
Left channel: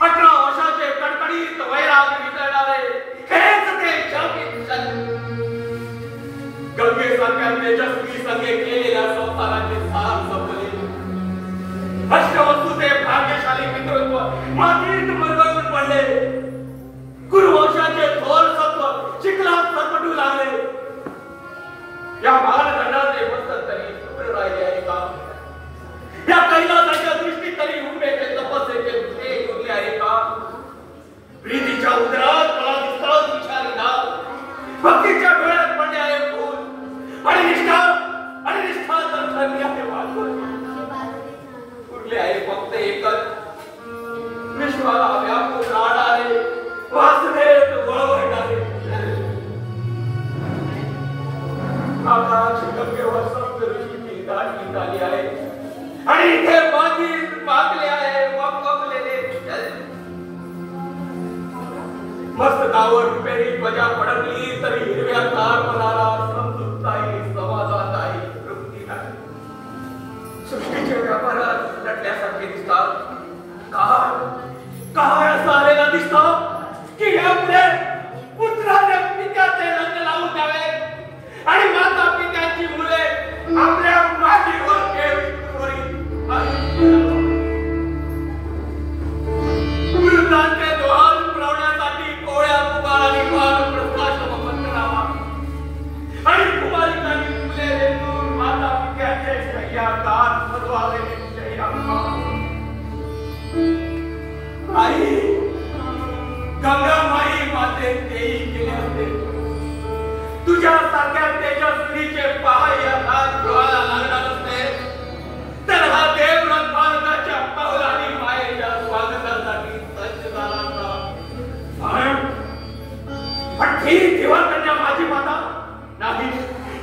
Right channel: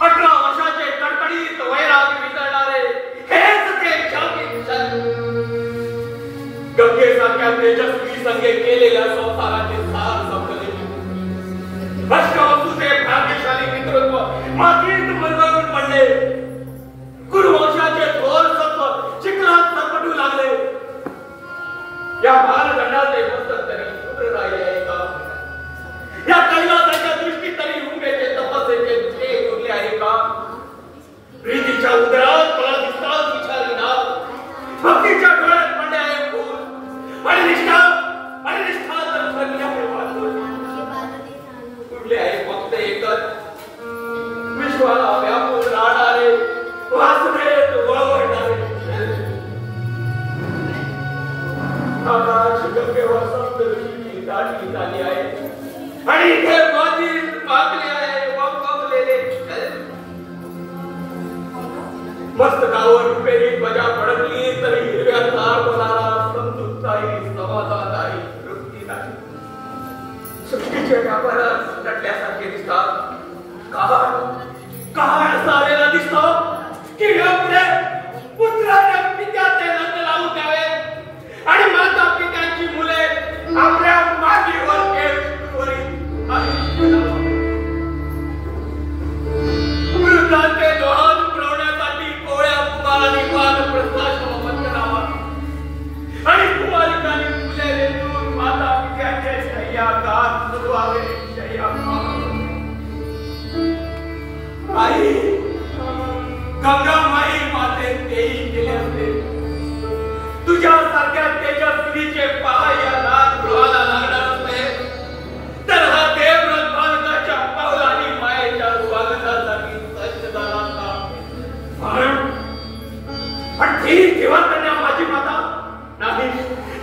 18 वर्षाचे कडकडीत वैराग वितळणारे हेच ते शापित शल्य. गंगेसारख्या तेजस्वी संगे केलेल्या संसाराचे सार संपले. अष्टवस्तूचे भाग्यशाली मित्रत्व मातीत मरगळून पडले. कुरुवंशाचे थोर सत्व चिखलात सरपटू लागले. या बालगंडाचे मस्तक तरी शुभ्र राहिले आहे का? या कैलासाच्या दृष्टीत तरी उंबेचे तपस्येचे दुसरे उरले आहे का? प्रीतीच्या उदरात मला दिसतात विचारी नाथ, भक्तीच्या डोळ्यात पडले आहे फूल, आणि निष्ठा तर ठरली आहे वाचवली. उरले आहे फक्त एकच, विश्वाला व्यापून राहणारे, वासनेत वळवळणारे. आकाश गंगेवर सप्तऋषीची दाटी झाली आहे, आणि इथे मातीत पाकले आहे वापलेले. मस्तकावर रुपेरी बजा फडकली तरी हिरव्या तार मनाला समजुताही समाधानदायी तृप्ती नाही. सृष्टीचे व्यापारात लटल्यासारखे दिसतात. काळ असा आलेला दिसतो की यापुढे पुत्राने पित्याचे लग्न लावून द्यावे, आणि माता पित्याची मुले आपल्या मातीवर वृद्धांचे दोहान पुरवण्यासाठी कोळ्या कुमारांनी मान प्रस्थाश्रम पंचनामा, आणि कुमारिकांनी फुले रेतून माता पित्याचे शय्यागार सजवावे. आई गंगा माई माते तेही केले असते. तुझ्या सारख्या तेजस्वीचे पहाय्या राजगृहाला लागणार असते, तर हा देवव्रत बालकाच्या पावलांनी मायेच्या स्वागतासाठी सज्ज झाला असता. पण ठीक ठेवा कन्या माझी माता.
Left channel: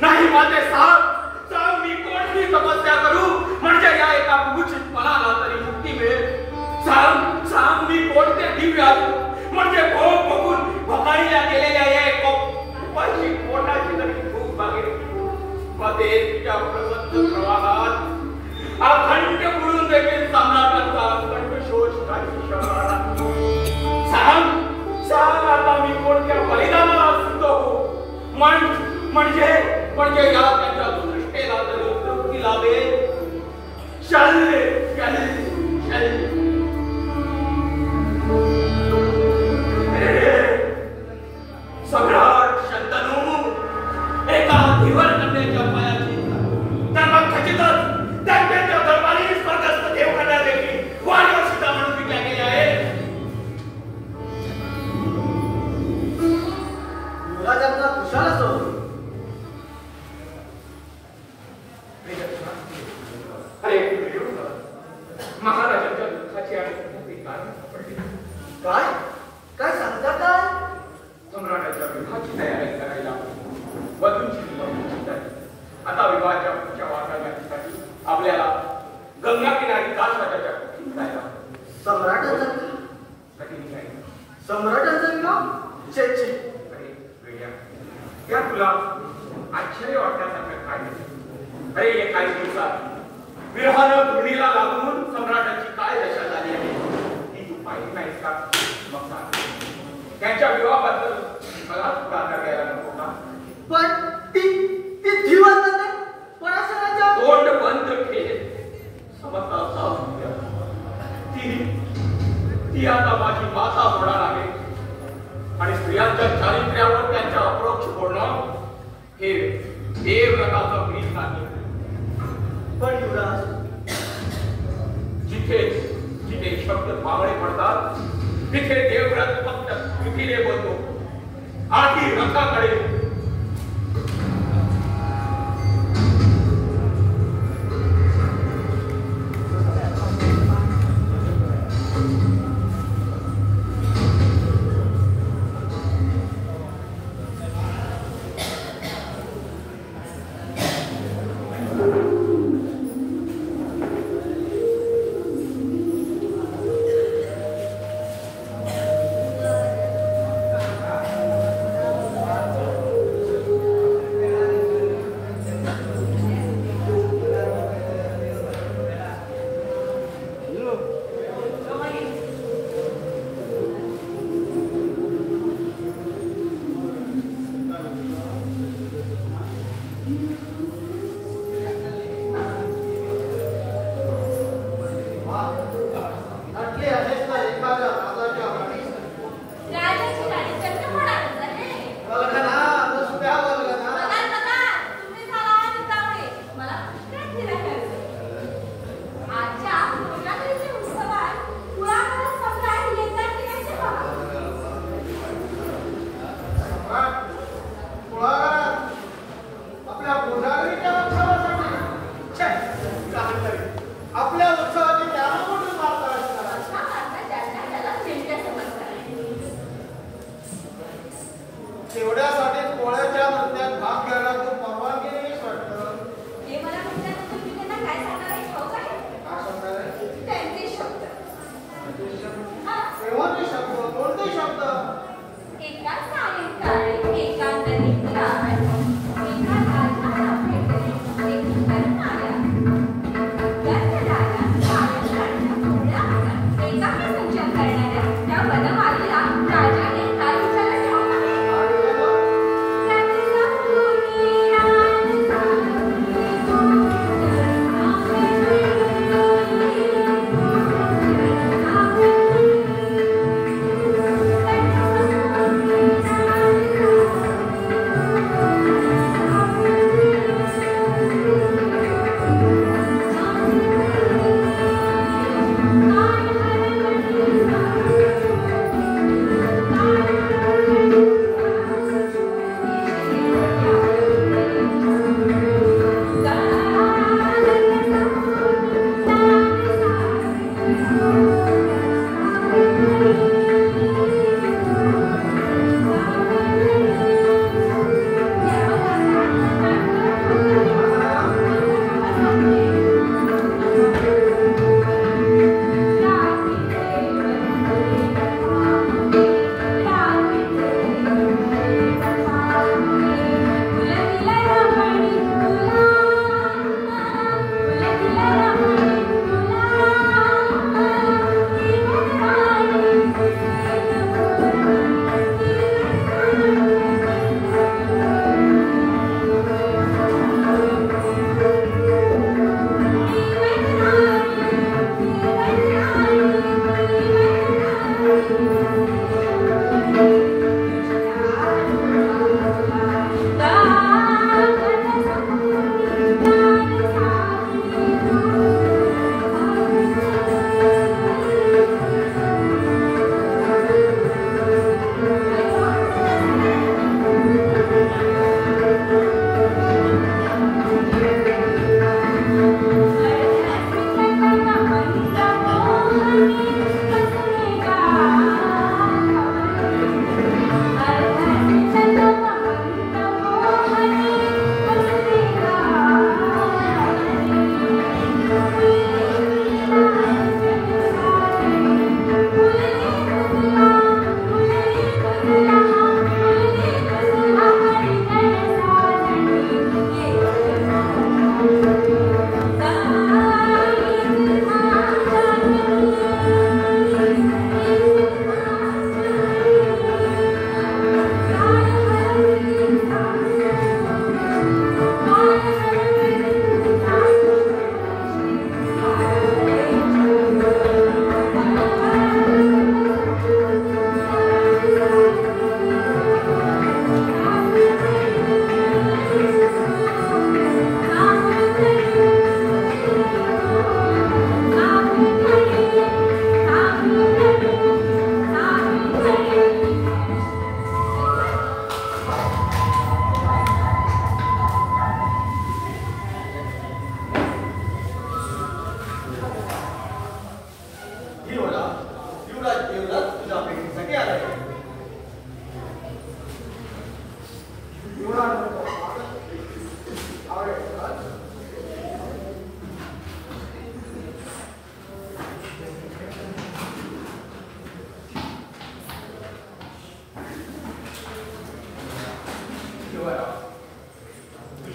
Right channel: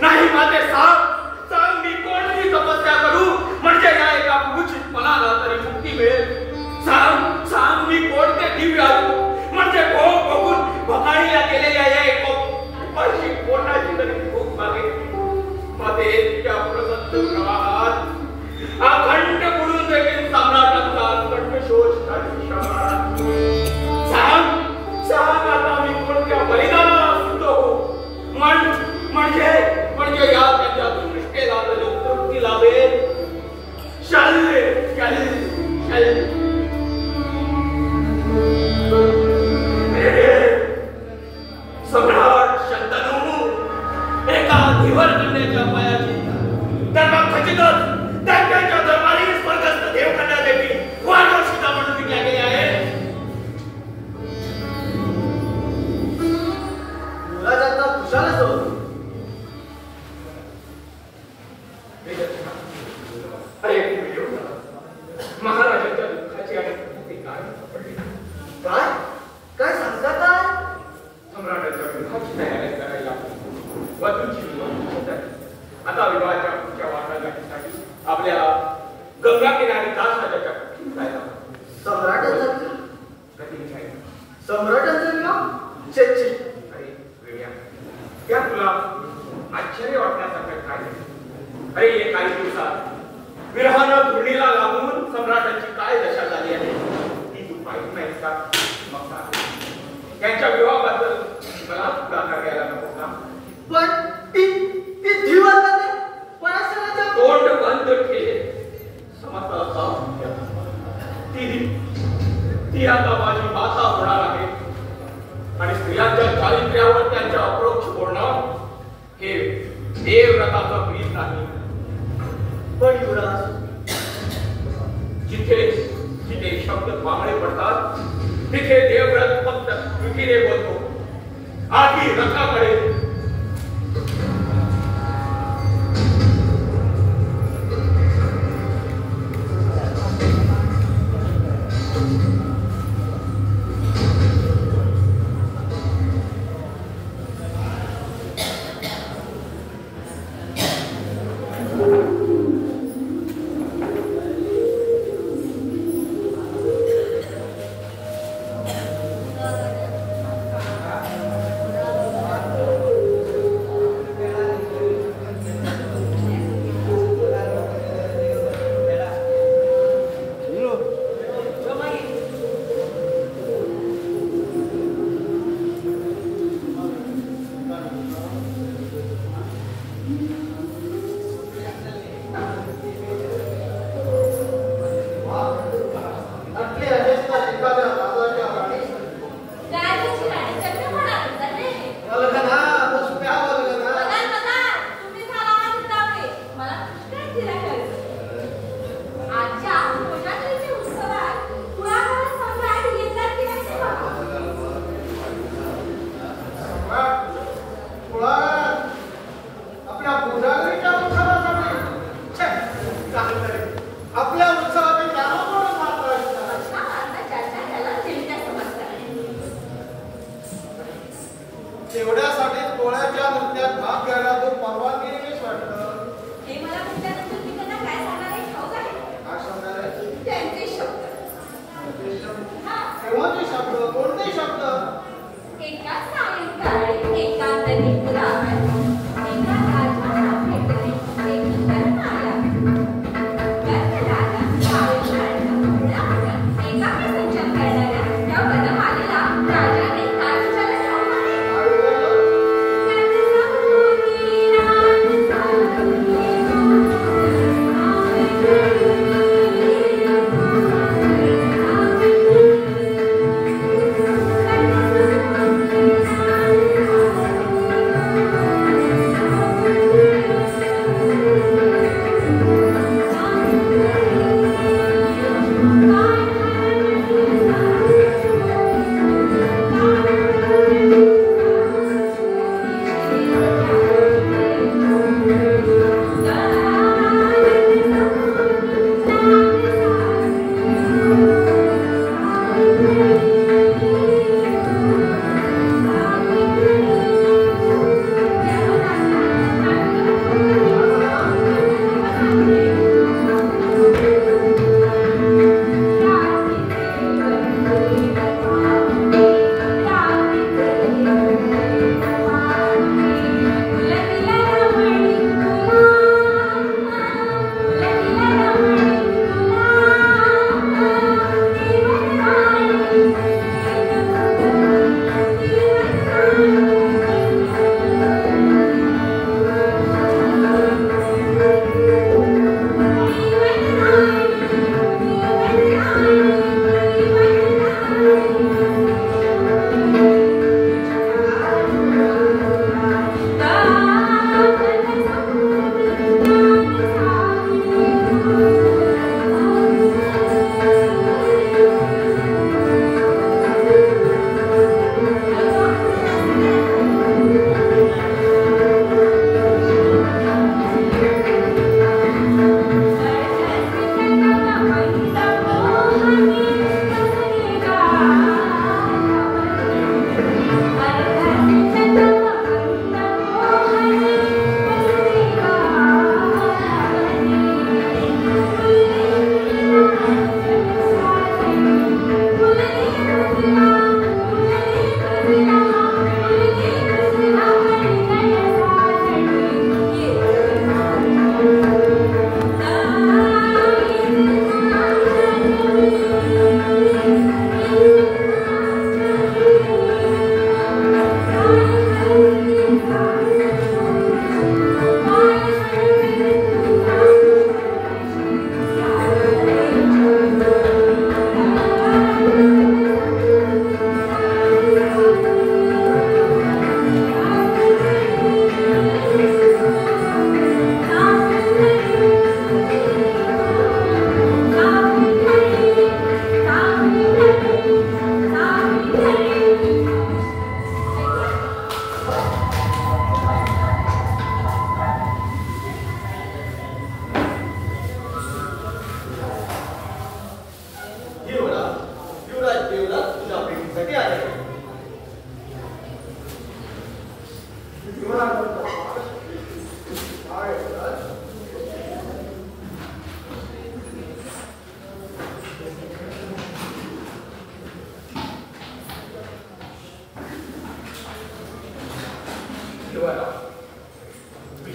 नाही माते, सांग मी कोणती तपस्या करू म्हणजे या एका कुचित मनाला तरी मुक्ती मिळेल. सांग मी कोणते दिव्य असू म्हणजे भोग बघून भकाळीला गेलेल्या उपाशी पोटाची तरी भूक मागे. मध्ये त्या प्रसन्न प्रवाहात अखंड बुडून देखील सम्राटांचा कंठशोष नाही. सांग आता मी कोणत्या बलिदानाला सिद्ध होऊ म्हणजे या त्याच्या दृष्टेला तरी तृप्ती लाभेल. शल्य सम्राट शंतनू एका धीवर कन्याच्या पायाची तर मग खचितच त्यांच्या दरबारी स्वर्गस्थ देवकन्या देवी वाढीव सीता म्हणून विकल्या गेल्या आहेत. युवराजांचा कुशाल असो. अरे महाराजांच्या दुःखाची आणि काय सापडली. काय सांगता काय? सम्राटाच्या विवाहाची तयारी करायला वधूंची आता विवाहाच्या पुढच्या वाटाघाटीसाठी आपल्याला गंगा किनारी कासराजाच्या कुठे जायला. सम्राटांचा कधी निघायचं? सम्राटांचा विवाह? छे अरे वेड्या, त्या तुला आश्चर्य वाटण्यासारखं काय नाही. अरे हे काही दिवसात विरहानं धुणीला लागून सम्राटांची काय दशा झाली आहे ती तू पाहिली नाहीस का? मग त्यांच्या विवाहाबद्दल मला पुढाकार घ्यायला नको का? पण ती धीवर नाही. पराशराच्या तोंड बंद ठेव. समजता ती आता माझी माता होणार आहे, आणि स्त्रियांच्या चारित्र्यावर त्यांच्या अप्रोक्ष बोलणं हे देवव्रताचं बीज नाही, पण युवराज, जिथे जिथे शब्द बांगडे पडतात तिथे देवव्रत फक्त पृथ्वीने बोलतो, आधी रथाकडे.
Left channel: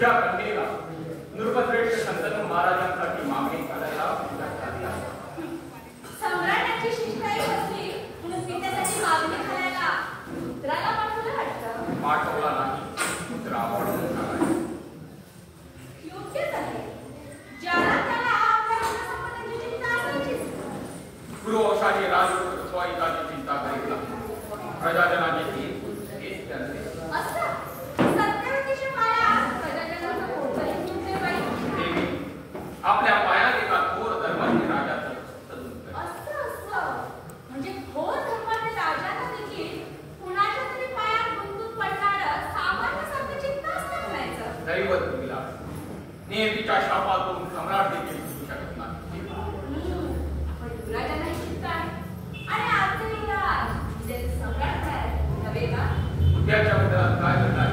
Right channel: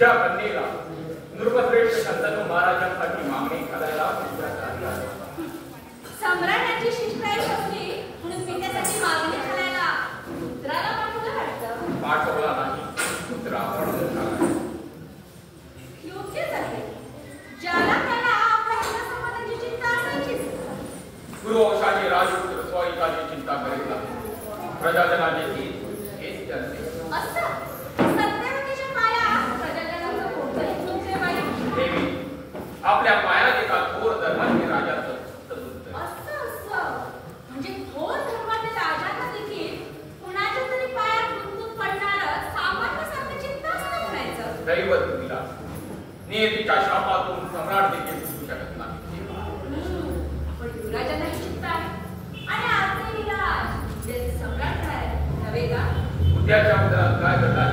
तुझ्या कन्येला नृपश्रेष्ठ शंतनू महाराजांसाठी मागणी करायला तुझ्या सम्राटाची शिष्टाई होती म्हणून मी त्यासाठी मागणी करायला पुत्राला पाठवलं वाटतं. पाठवला नाही, पुत्रा पडून टाकायचा. योग्यच आहे. ज्याला त्याला आपल्या हितसंबंधाची चिंता असायचीच. गुरुवंशाचे राजपुत्र स्वाईकाची चिंता करीत नाही. प्रजाजनाचे हित हेच त्यांचे. असं सत्यवतीच्या पायात प्रजाजनाचं कोणतंही तुमचे बाई. देवी, आपल्या पायात एका थोर धर्माचे राजाचं असं म्हणजे थोर धर्माचे राजाला देखील कुणाच्या तरी पायात गुंतून पडणारं सामान्य सारखं चित्त असतं म्हणायचं. दैवत तुला नियतीच्या शापातून सम्राट देखील सुटू शकत नाही. आपण युवराजांनाही चिंता आहे आणि आजचे युवराज जे सम्राट आहे नव्हे का? उद्याच्या उदरात काय घडणार